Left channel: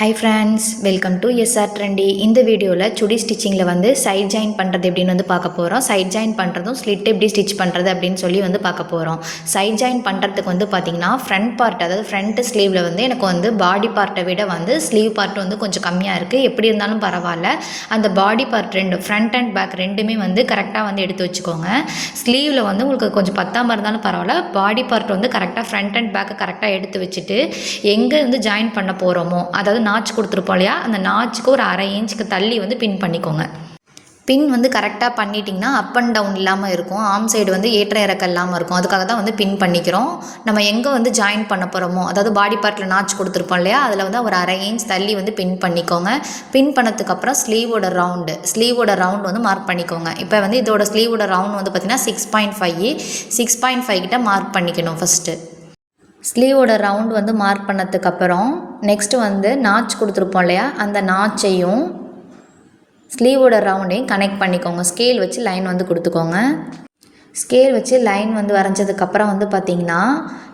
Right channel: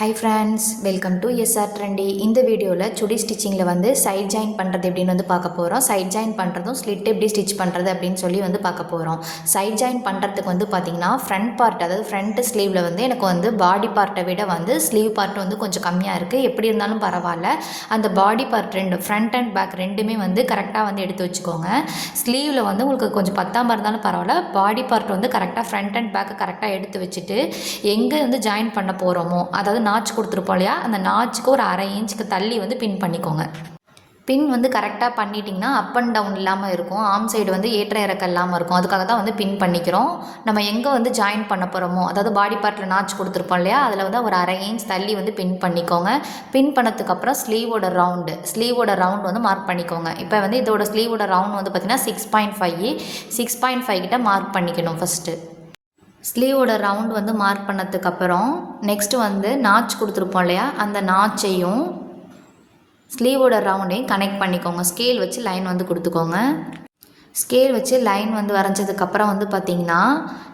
Hi friends, welcome to SR trendy. இந்த வீடியோவில் சுடி ஸ்டிச்சிங்கில் வந்து சைட் ஜாயின் பண்ணுறது எப்படின்னு வந்து பார்க்க போகிறோம். சைட் ஜாயின் பண்ணுறதும் ஸ்லிட் எப்படி ஸ்டிச் பண்ணுறது அப்படின்னு சொல்லி வந்து பார்க்க போகிறோம். சைட் ஜாயின் பண்ணுறதுக்கு வந்து பார்த்திங்கன்னா ஃப்ரண்ட் பார்ட், அதாவது ஃப்ரண்ட் ஸ்லீவில் வந்து எனக்கு வந்து பாடி பார்ட்டை விட வந்து ஸ்லீவ் பார்ட் வந்து கொஞ்சம் கம்மியாக இருக்குது. எப்படி இருந்தாலும் பரவாயில்ல, அந்த பாடி பார்ட் ரெண்டு, ஃப்ரண்ட் அண்ட் பேக் ரெண்டுமே வந்து கரெக்டாக வந்து எடுத்து வச்சுக்கோங்க. ஸ்லீவில் வந்து உங்களுக்கு கொஞ்சம் பத்தாமல் இருந்தாலும் பரவாயில்ல, பாடி பார்ட் வந்து கரெக்டாக ஃப்ரண்ட் அண்ட் பேக்கை கரெக்டாக எடுத்து வச்சுட்டு எங்கே வந்து ஜாயின் பண்ண போகிறோமோ, அதாவது நாச் கொடுத்துருப்போம் இல்லையா, அந்த நாச்சுக்கு ஒரு 1/2 இன்ச்சுக்கு தள்ளி வந்து பின் பண்ணிக்கோங்க. பின் வந்து கரெக்டாக பண்ணிட்டிங்கன்னா அப் அண்ட் டவுன் இல்லாமல் இருக்கும், ஆம் சைடு வந்து ஏற்ற இறக்கம் இல்லாமல் இருக்கும். அதுக்காக தான் வந்து பின் பண்ணிக்கிறோம். நம்ம எங்கே வந்து ஜாயின் பண்ண போகிறோமோ, அதாவது பாடி பார்ட்டில் நாச் கொடுத்துருப்போம் இல்லையா, அதில் வந்து ஒரு 1/2 இன்ச் தள்ளி வந்து பின் பண்ணிக்கோங்க. பின் பண்ணதுக்கப்புறம் ஸ்லீவோட ரவுண்ட் வந்து மார்க் பண்ணிக்கோங்க. இப்போ வந்து இதோட ஸ்லீவோட ரவுண்ட் வந்து பார்த்திங்கன்னா 6.5 கிட்ட மார்க் பண்ணிக்கணும். ஃபஸ்ட்டு ஸ்லீவோட ரவுண்ட் வந்து மார்க் பண்ணதுக்கப்புறம் நெக்ஸ்ட்டு வந்து நாச் கொடுத்துருப்போம் இல்லையா, அந்த நாச்சையும் ஸ்லீவோட ரவுண்டையும் கனெக்ட் பண்ணிக்கோங்க. ஸ்கேல் வச்சு லைன் வந்து கொடுத்துக்கோங்க. ஸ்கேல் வச்சு லைன் வந்து வரைஞ்சதுக்கப்புறம் வந்து பார்த்திங்கன்னா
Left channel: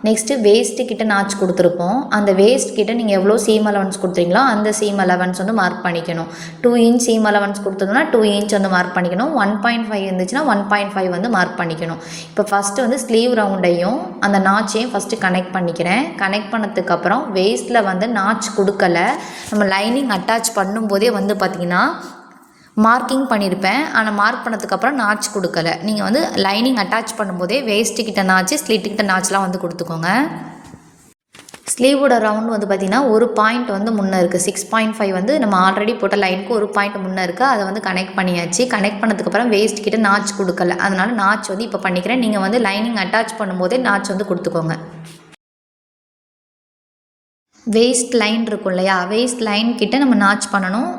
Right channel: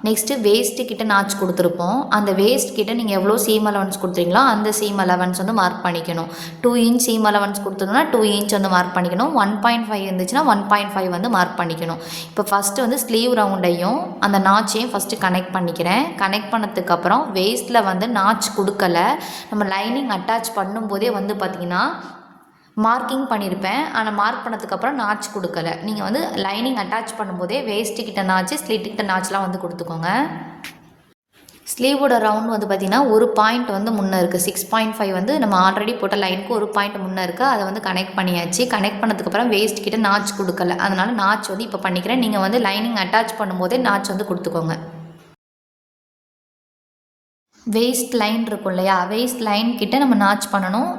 நெக்ஸ்ட்டு வேஸ்ட்டு கிட்ட நாச் கொடுத்துருப்போம். அந்த வேஸ்ட் கிட்ட நீங்கள் எவ்வளோ சீம் அலவன்ஸ் கொடுத்துறீங்களோ அந்த சீம் அலவன்ஸ் வந்து மார்க் பண்ணிக்கணும். 2 இன்ச் சீம் அலவன்ஸ் கொடுத்தோம்னா 2 இன்ச் வந்து மார்க் பண்ணிக்கணும். 1.5 இருந்துச்சுன்னா 1.5 வந்து மார்க் பண்ணிக்கணும். இப்போ ஃபஸ்ட்டு வந்து ஸ்லீவ் ரவுண்டையும் அந்த நாச்சையும் ஃபஸ்ட்டு கனெக்ட் பண்ணிக்கிறேன். கனெக்ட் பண்ணதுக்கப்புறம் வேஸ்ட்டில் வந்து நாச் கொடுக்கல, நம்ம லைனிங் அட்டாச் பண்ணும்போதே வந்து பார்த்திங்கன்னா மார்க்கிங் பண்ணியிருப்பேன். ஆனால் மார்க் பண்ணதுக்கப்புறம் நாச் கொடுக்கல. நீங்கள் வந்து லைனிங் அட்டாச் பண்ணும்போதே வேஸ்ட்டுக்கிட்ட நாச்சு, ஸ்லிட்டுக்கிட்ட நாச்லாம் வந்து கொடுத்துக்கோங்க. ஸ்லீவோட ரவுண்ட் வந்து பார்த்திங்கன்னா ஒரு பாயிண்ட் வந்து முன்னே இருக்குது. 6.5 வந்து நம்ம ஆல்ரெடி போட்ட லைனுக்கு ஒரு பாயிண்ட் முன்னே இருக்குது. அதை வந்து கனெக்ட் பண்ணியாச்சு. கனெக்ட் பண்ணதுக்கப்புறம் வேஸ்ட் கிட்ட நாச் கொடுக்கல, அதனால் நாச் வந்து இப்போ பண்ணிக்கிறேன். நீங்கள் வந்து லைனிங் அட்டாச் பண்ணும்போதே நாச் வந்து கொடுத்துக்கோங்க. வேஸ்ட் லைன் இருக்கும் இல்லையா, வேஸ்ட் லைன் கிட்ட நம்ம நாச் பண்ணணும்.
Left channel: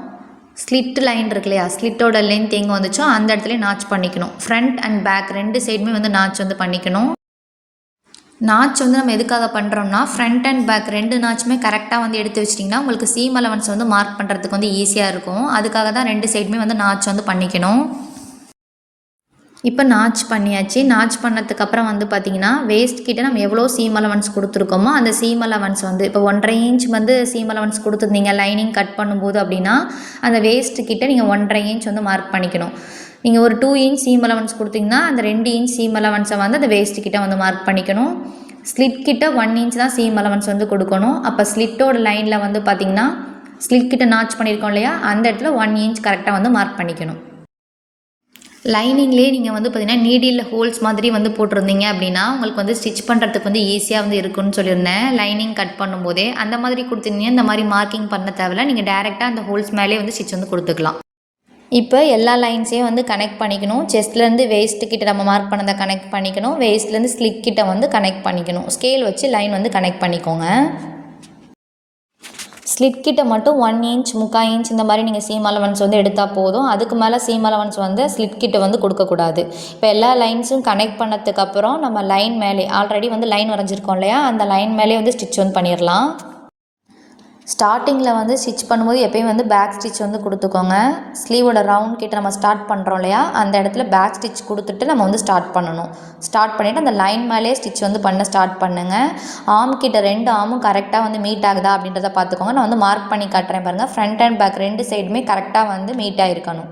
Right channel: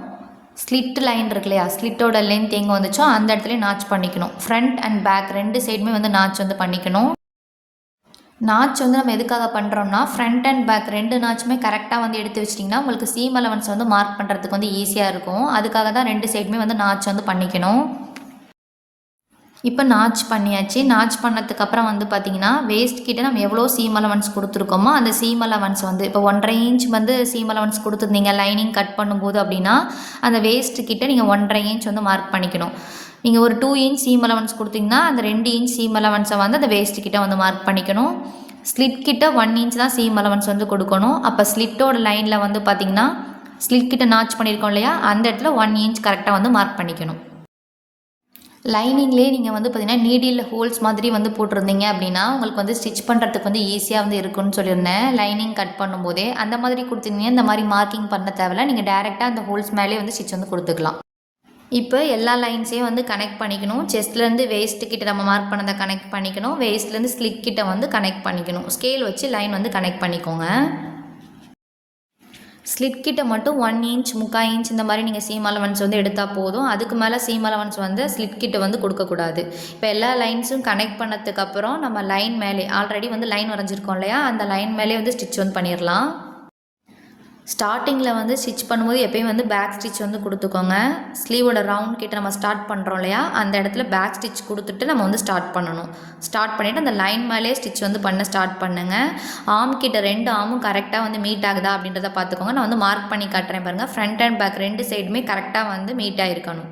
ஸ்லிட் லைன் இருக்கு இல்லையா, ஸ்லிட்டோட லென்த் எங்கே வந்துச்சோ அந்த இடத்துல நாச் பண்ணிக்கணும். ஃப்ரண்ட் அண்ட் பேக் ரெண்டு சைடுமே வந்து நாச் வந்து பண்ணிக்கணும். நாச் வந்து நம்ம எதுக்காக பண்ணுறோம்னா, ஃப்ரண்ட் அண்ட் பேக் ரெண்டு நாச்சுமே கரெக்டாக வந்து எடுத்து வச்சிட்டிங்கன்னா உங்களுக்கு சீம் அலவன்ஸ் வந்து மார்க் பண்ணுறதுக்கு வந்து ஈஸியாக இருக்கும். அதுக்காக தான் ரெண்டு சைடுமே வந்து நாச் வந்து பண்ணிக்கணும். இப்போ நாச் பண்ணியாச்சு. நாச் பண்ணதுக்கப்புறம் வந்து பார்த்திங்கன்னா வேஸ்ட் கிட்ட நம்ம எவ்வளோ சீம் அலவன்ஸ் கொடுத்துருக்கோமோ அந்த சீம் அலவன்ஸ் வந்து இப்போ 1.5 இன்ச் வந்து சீம் அலவன்ஸ் கொடுத்துருந்தீங்க லைனிங் கட் பண்ணும்போது அப்படின்னா அந்த வேஸ்ட் கிட்ட நீங்கள் 1.5 இன்ச் வந்து மார்க் பண்ணிக்கணும். நீங்கள் ஒரு 2 இன்ச் சீம் அலவன்ஸ் கொடுத்தீங்கன்னா அந்த 2 இன்ச் சீம் அலவன்ஸை வந்து அந்த வேஸ்ட் கிட்ட வந்து மார்க் பண்ணிக்கணும். ஸ்லிட் கிட்ட 1 இன்ச் தான் சீம் அலவன்ஸ் வந்து கொடுக்கணும். அப்போ ஸ்லிட்டோட லைனில் வந்து பார்த்திங்கன்னா ஸ்லிட் கிட்ட நாச் பண்ணியிருக்கோம் இல்லையா, அந்த இடத்துல 1 இன்ச் கரெக்டாக வந்து மார்க் பண்ணிக்கணும். லைனிங்லேயே நீங்கள் வந்து பார்த்திங்கன்னா நீடில் ஹோல்ஸ் மாதிரி வந்து போட்டிருந்தீங்க அப்படின்னா உங்களுக்கு வந்து ஸ்டிச் பண்ணுறதுக்கு வந்து ஈஸியாக வந்து இருக்குன்னு சொல்லியிருந்தேன். லைனிங் கட் பண்ணும்போதே அந்த மாதிரி கொடுத்துருந்தீங்க, இந்த மாதிரி மார்க்கிங் பண்ண தேவையில்ல, நீங்கள் டேரெக்டாக அந்த ஹோல்ஸ் மேலே வந்து ஸ்டிச் வந்து கொடுத்துக்கலாம். இப்போ எல்லா லைன்ஸையும் வந்து கனெக்ட் பண்ணிக்கணும். செஸ்ட்லேருந்து வேஸ்ட்டு கிட்ட நம்ம மார்க் பண்ணதை கனெக்ட் பண்ணிக்கணும். வேஸ்ட்லேருந்து ஸ்லிட் கிட்ட வந்து கனெக்ட் பண்ணிக்கணும். ஸ்கேல் வச்சு லைன் வந்து கனெக்ட் பண்ணிக்கோங்க. ஸ்லிட் கிட்ட மட்டும் 1 இன்ச் 3/4 இன்ச் இந்த மாதிரி நீங்கள் சீம் அலவன்ஸ் வந்து எடுத்தால் போதும். அதுக்கு மேலே சீம் அலவன்ஸ் வந்து ஸ்லிட் கிட்ட வந்து கொடுக்கக்கூடாது. இப்போ எல்லா லைன்ஸும் கனெக்ட் பண்ணதுக்கப்புறம் நம்ம லைன் மேலே ஆல்ரெடி வந்து லைன் வரைஞ்சிருக்கோம் இல்லையா, அந்த லைன் மேலே வந்து ஸ்டிச் வந்து பண்ணிடலாம். ஸ்டார்டிங்கில் வந்து ஸ்டிச் பண்ணும்போது எப்போயும் வந்து பேக் ஸ்டிச் வந்து கொடுத்துக்கோங்க. ஸ்லீவோட ரவுண்ட் கிட்ட நம்ம ஸ்டார்ட் பண்ணுறோம் இல்லையா, அந்த இடத்துல பேக் ஸ்டிச் கொடுத்துட்டு நம்ம வந்து ஸ்டார்ட் பண்ணணும். ஸ்டார்ட் பண்ணிவிட்டு அந்த லைன் மேலே ஸ்டிச் வந்து பண்ண ஸ்டார்ட் பண்ணுங்கள். ஆம் கிட்ட 2 ஆமும் கரெக்டாக வந்து மீட் ஆகுதா அப்படின்றத பார்த்துக்கோங்க. நான் வந்து மார்க் பண்ணி காட்டுறேன் பாருங்கள். ஃப்ரண்ட் அண்ட் பேக் ரெண்டு சைடுமே கரெக்டாக வந்து மீட் ஆகிருக்கணும்.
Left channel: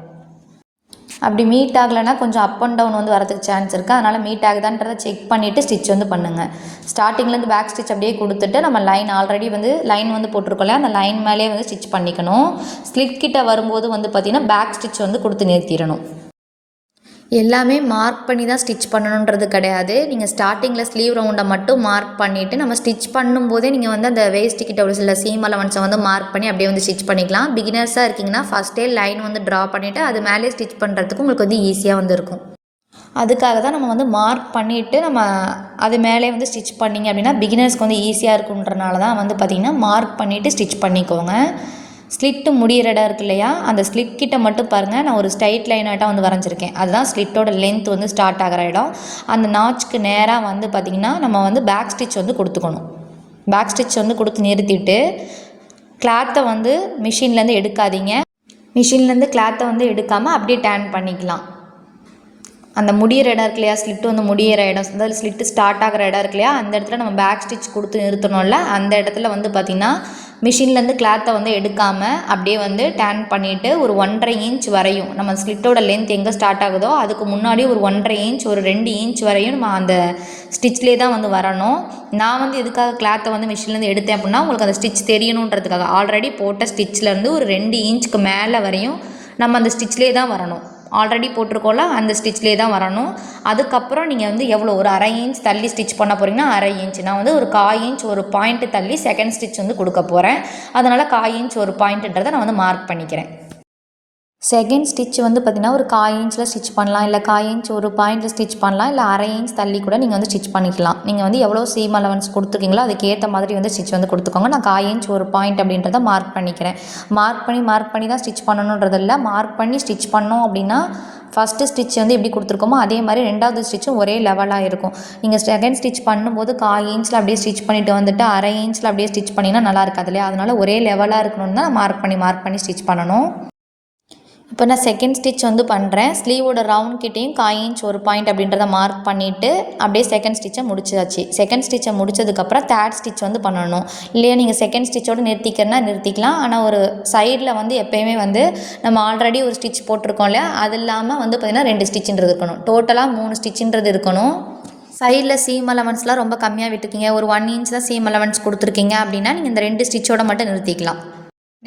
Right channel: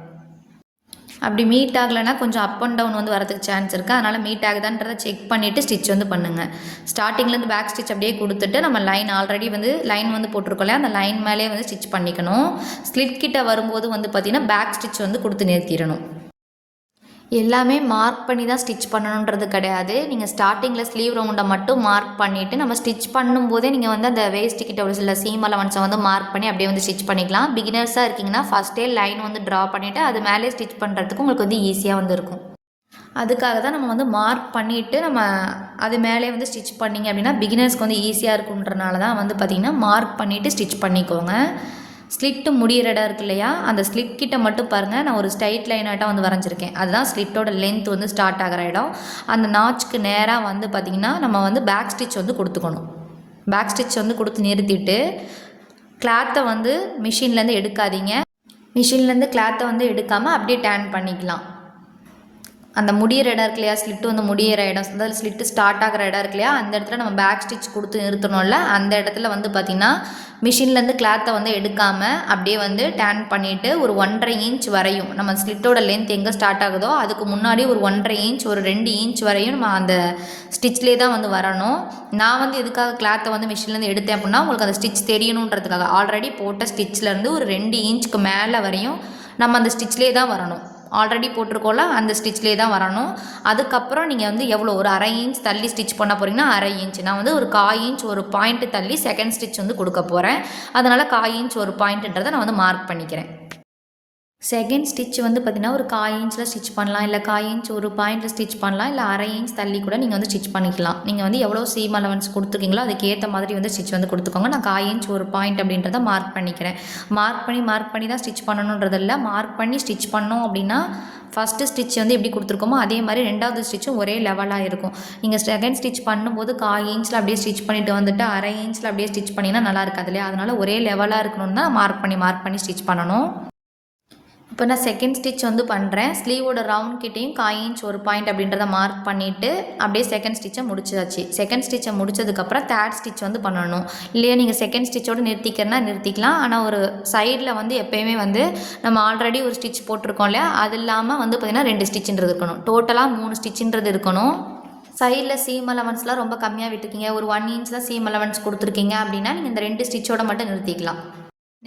அப்படி மீட் ஆகலைன்னா கொஞ்சம் அப் அண்ட் டவுன் வந்து வரதுக்கு சான்ஸ் இருக்குது. அதனால் மீட் ஆகுதான்றதை செக் பண்ணிவிட்டு ஸ்டிச் வந்து பண்ணுங்கள். ஸ்டார்டிங்லேருந்து பேக் ஸ்டிச் அப்படியே கொடுத்துட்டு நம்ம லைன் ஆல்ரெடி வந்து லைன் வந்து போட்டிருக்கோம்ல, அந்த லைன் மேலே வந்து ஸ்டிச் பண்ணிக்கணும். ஸ்லிட் கிட்ட வரும்போது வந்து பார்த்திங்கன்னா பேக் ஸ்டிச் வந்து கொடுத்து நிறுத்திடணும். எல்லாமே மார்க் பண்ணி தான் ஸ்டிச் பண்ணணுன்றது கிடையாது. நீங்கள் ஸ்டார்டிங்கில் ஸ்லீவ் ரவுண்டை மட்டும் மார்க் பண்ணிவிட்டு நம்ம ஸ்டிச் பண்ணும்போதே நீங்கள் வந்து அந்த வேஸ்ட்டுக்கிட்ட ஒரு சில சீம் அலவன்ஸை வந்து மார்க் பண்ணி அப்படியே வந்து ஸ்டிச் பண்ணிக்கலாம். பிகினர்ஸாக இருக்கீங்கன்னா ஃபஸ்ட்டே லைன் வந்து ட்ரா பண்ணிவிட்டு அது மேலே ஸ்டிச் பண்ணுறதுக்கு உங்களுக்கு வந்து ஈஸியாக வந்து இருக்கும். அதுக்காக தான் நம்ம வந்து மார்க் பண்ணிவிட்டு நம்ம அது மேலே வந்து ஸ்டிச் பண்ணிங்க அப்படின்னா பிகினர்ஸ்க்கு வந்து ஈஸியாக இருக்குன்றனால தான் வந்து பார்த்திங்கன்னா மார்க் பண்ணிவிட்டு ஸ்டிச் பண்ணிக்கோங்க. ஸ்லிட்டு முடிகிற இடம் இருக்கு இல்லையா, அந்த ஸ்லிட் கிட்ட மட்டும் பாருங்கள், நான் ஒரு ஸ்ட்ரைட் லைனாட்டாக வந்து வரைஞ்சிருக்கேன். அதுதான் ஸ்லிட்டோட லென்த் வந்து ஸ்டார்ட் ஆகிற இடம். அந்த நாச்சுக்கு நேராக வந்து பார்த்திங்கன்னா நம்ம வந்து பேக் ஸ்டிச் வந்து கொடுத்துக்கணும். பேக் ஸ்டிச் வந்து கொடுத்து நிறுத்திட்டு கிளாத்தை வந்து மிஷின்லேருந்து எடுக்காதீங்க. மிஷின்லேருந்து கிளாத்தை வந்து எடுக்காமல் அப்படியே டேன் பண்ணிக்கலாம். அந்த முடியிற இடம் இருக்கு இல்லையா, ஸ்லிட்டு வந்து முடியிற இடம், அதாவது ஸ்லிட்டு ஸ்டார்ட் ஆகிற இடம் இருக்கு இல்லையா, அந்த இடத்துல நம்ம பேக் ஸ்டிச் கொடுத்து நிறுத்தணும்ல, அந்த இடத்துல வந்து பார்த்திங்கன்னா மிஷின்லேருந்து கிளாத்தை வந்து எடுக்காமல் அப்படியே வந்து டேன் பண்ணிவிட்டு ஒரு 1.5 இன்ச் வரையும் நம்ம ஸ்லிட்டோட லென்த் எங்கே ஸ்டார்ட் ஆகுதோ அதுக்கு முன்னாடி ஒரு 1.5 இன்ச் ஒரு 2 இன்ச் வரையும் நம்ம அந்த ஸ்டிச்லேயே தான் வந்து வரணும். நான் வந்து எதுக்காக கிளாத்தை வந்து மிஷின்லேருந்து எடுத்தேன் அப்படின்னா உங்களுக்கு அந்த ஸ்டிச் தெரியணுன்றதுக்காக. ஆல்ரெடி போட்ட ஸ்டிச்லேருந்து ஒரு 2 இன்ச்சுக்கு மேலே வரையும் நம்ம அந்த ஸ்டிச்லேயே தான் வரணும். ஆல்ரெடி போட்டிருக்கோம்ல அந்த ஸ்டிச்லேயே தான் வரணும். அதுக்கப்புறம் நீங்கள் வந்து எவ்வளோ ஒரு 1/2 இன்ச் தள்ளி ஸ்டிச் பண்ண போகிறீங்கன்னா 1/2 இன்ச், நான் வந்து ஒரு 1/4 இன்ச் ஒரு பாயிண்ட் தள்ளி செகண்ட் ஸ்டிச் வந்து கொடுக்க போகிறேன். அதனால் 1/4 இன்ச் ஒரு பாயிண்ட்டுன்றதை நான் வந்து மார்க் பண்ணிக்கிறேன். செகண்ட் ஸ்டிச் வந்து பார்த்திங்கன்னா ஒரு 1/4 இன்ச்சில் ஸ்டிச் பண்ணலாம், இல்லை 1/4 இன்ச் ஒரு பாயிண்டில் ஸ்டிச் பண்ணலாம், இல்லை 1/2 இன்ச் தள்ளி கூட நீங்கள் வந்து ஸ்டிச் பண்ணிக்கலாம். நீங்கள் வந்து எவ்வளோ சீம் அலவன்ஸ் கொடுத்துருக்கீங்களோ அதுக்கு ஏற்ற மாதிரி வந்து ஸ்டிச் வந்து கொடுத்துக்கோங்க. நான் 1/4 இன்ச் ஒரு பாயிண்ட் அப்படின்றத மார்க் பண்ணிக்கிறேன். மார்க் பண்ணி தான் ஸ்டிச் பண்ணணுன்றது இல்லை, மார்க் பண்ணி ஸ்டிச் பண்ணோம் அப்படின்னா ஃபஸ்ட்டு ஸ்டிச் வந்து எப்படி கொடுத்துருக்கோமோ அதே மாதிரி ரெண்டாவது ஸ்டிச்சும் ஒரே லெவலாக இருக்கும். நீங்கள் செகண்ட் ஸ்டிச் பண்ணும்போது 1/4 இன்ச்சில் அப்படியே ஸ்டிச் பண்ணிவிட்டு வந்துட்டு 1/2 இன்ச்சில் அப்படியே ஸ்டிச் பண்ணிங்கன்னா நல்லா இருக்காது இல்லையா, அதனால் ஒரே லெவலாக இருக்கணும்னு தான் மார்க் பண்ணி ஸ்டிச் பண்ணணும். இப்போ நான் செகண்ட் ஸ்டிச் வந்து பண்ணுறேன். ஸ்லீவோட ரவுண்ட் கிட்டேயும் 1/4 இன்ச் ஒரு பாயிண்ட் அப்படின்றத மார்க் பண்ணிவிட்டு அப்படியே செகண்ட் ஸ்டிச்சை முடிச்சாச்சு. செகண்ட் ஸ்டிச்சை முடிச்சதுக்கப்புறம் தேர்ட் ஸ்டிச் வந்து பண்ணணும். இல்லையா நீங்கள் செகண்ட் ஸ்டிச்சோடு நிறுத்திக்கிறனா நிறுத்திக்கலாம். ஆனால் ஒரு சைடில் வந்து எப்போயுமே வந்து நம்ம ஆல்ரெடி ஒரு ஸ்டிச் போட்டிருக்கோம் இல்லையா, அது இல்லாமல் வந்து பார்த்திங்கன்னா 2 ஸ்டிச்சுன்றது இருக்கணும். டோட்டலாக 3 ஸ்டிச்சுன்றது இருக்கணும். சைடில் சீம் அலவன்ஸ்லாம் ரொம்ப கம்மியாக விட்டுருக்கீங்க, ஒரு 1 இன்ச் தான் சீம் அலவன்ஸ் கொடுத்துருக்கீங்க அப்படின்னா நீங்கள் இந்த 2 ஸ்டிச்சோட மட்டும் நிறுத்திக்கலாம்.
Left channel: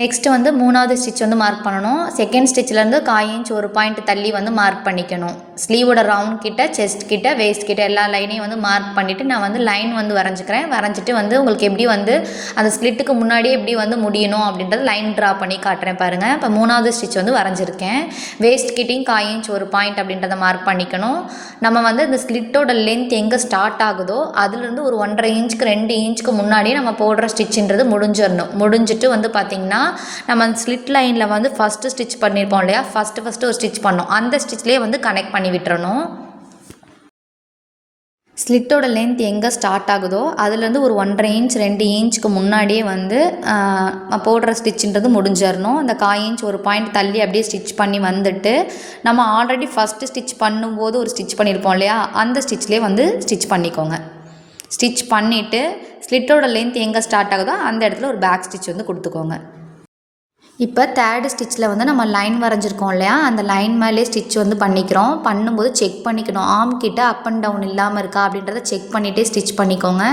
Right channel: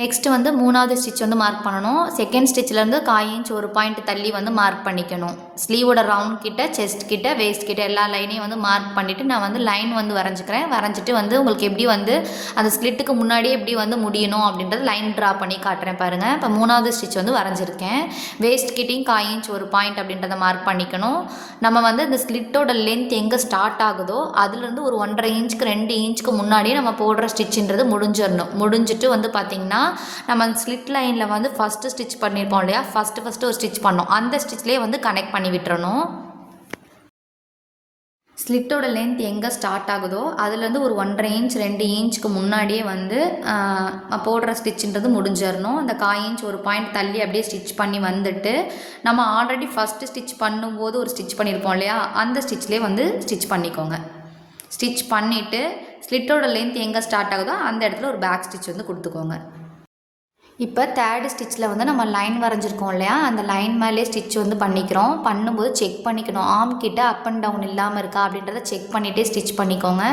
நெக்ஸ்ட்டு வந்து 3வது ஸ்டிச் வந்து மார்க் பண்ணணும். செகண்ட் ஸ்டிச்சிலேருந்து 1/4 இன்ச் ஒரு பாயிண்ட் தள்ளி வந்து மார்க் பண்ணிக்கணும். ஸ்லீவோட ரவுண்ட் கிட்ட, செஸ்ட் கிட்ட, வேஸ்ட் கிட்ட எல்லா லைனையும் வந்து மார்க் பண்ணிவிட்டு நான் வந்து லைன் வந்து வரைஞ்சிட்டு வந்து உங்களுக்கு எப்படி வந்து அந்த ஸ்லிட்டுக்கு முன்னாடியே எப்படி வந்து முடியணும் அப்படின்றது லைன் ட்ரா பண்ணி காட்டுறேன் பாருங்கள். இப்போ 3வது ஸ்டிச் வந்து வரைஞ்சிருக்கேன். வேஸ்ட் கிட்டையும் 1/4 இன்ச் ஒரு பாயிண்ட் அப்படின்றத மார்க் பண்ணிக்கணும். நம்ம வந்து இந்த ஸ்லிட்டோட லென்த் எங்கே ஸ்டார்ட் ஆகுதோ அதுலேருந்து ஒரு 1.5 இன்ச்சுக்கு 2 இன்ச்சுக்கு முன்னாடியே நம்ம போடுற ஸ்டிச்சுன்றது முடிஞ்சிட்டு வந்து பார்த்திங்கன்னா நம்ம ஸ்லிட் லைனில் வந்து ஃபஸ்ட்டு ஸ்டிச் பண்ணியிருப்போம் இல்லையா, ஃபஸ்ட்டு ஒரு ஸ்டிச் பண்ணோம், அந்த ஸ்டிச்லேயே வந்து கனெக்ட் பண்ணி விட்டுறணும். ஸ்லிட்டோட லென்த் எங்கே ஸ்டார்ட் ஆகுதோ அதுலேருந்து ஒரு 1.5 இன்ச் 2 இன்ச்சுக்கு முன்னாடியே வந்து போடுற ஸ்டிச்சுன்றது முடிஞ்சிடணும். அந்த 1/4 இன்ச் ஒரு பாயிண்ட் தள்ளி அப்படியே ஸ்டிச் பண்ணி வந்துட்டு நம்ம ஆல்ரெடி ஃபஸ்ட்டு ஸ்டிச் பண்ணும்போது ஒரு ஸ்டிச் பண்ணியிருப்போம் இல்லையா, அந்த ஸ்டிச்லேயே வந்து ஸ்டிச் பண்ணிக்கோங்க. ஸ்டிச் பண்ணிவிட்டு ஸ்லிட்டோட லென்த் எங்கே ஸ்டார்ட் ஆகுதோ அந்த இடத்துல ஒரு பேக் ஸ்டிச் வந்து கொடுத்துக்கோங்க. இப்போ தேர்டு ஸ்டிச்சில் வந்து நம்ம லைன் வரைஞ்சிருக்கோம் இல்லையா, அந்த லைன் மேலே ஸ்டிச் வந்து பண்ணிக்கிறோம். பண்ணும்போது செக் பண்ணிக்கணும், ஆர்ம் கிட்ட அப் அண்ட் டவுன் இல்லாமல் இருக்கா அப்படின்றத செக் பண்ணிகிட்டே ஸ்டிச் பண்ணிக்கோங்க.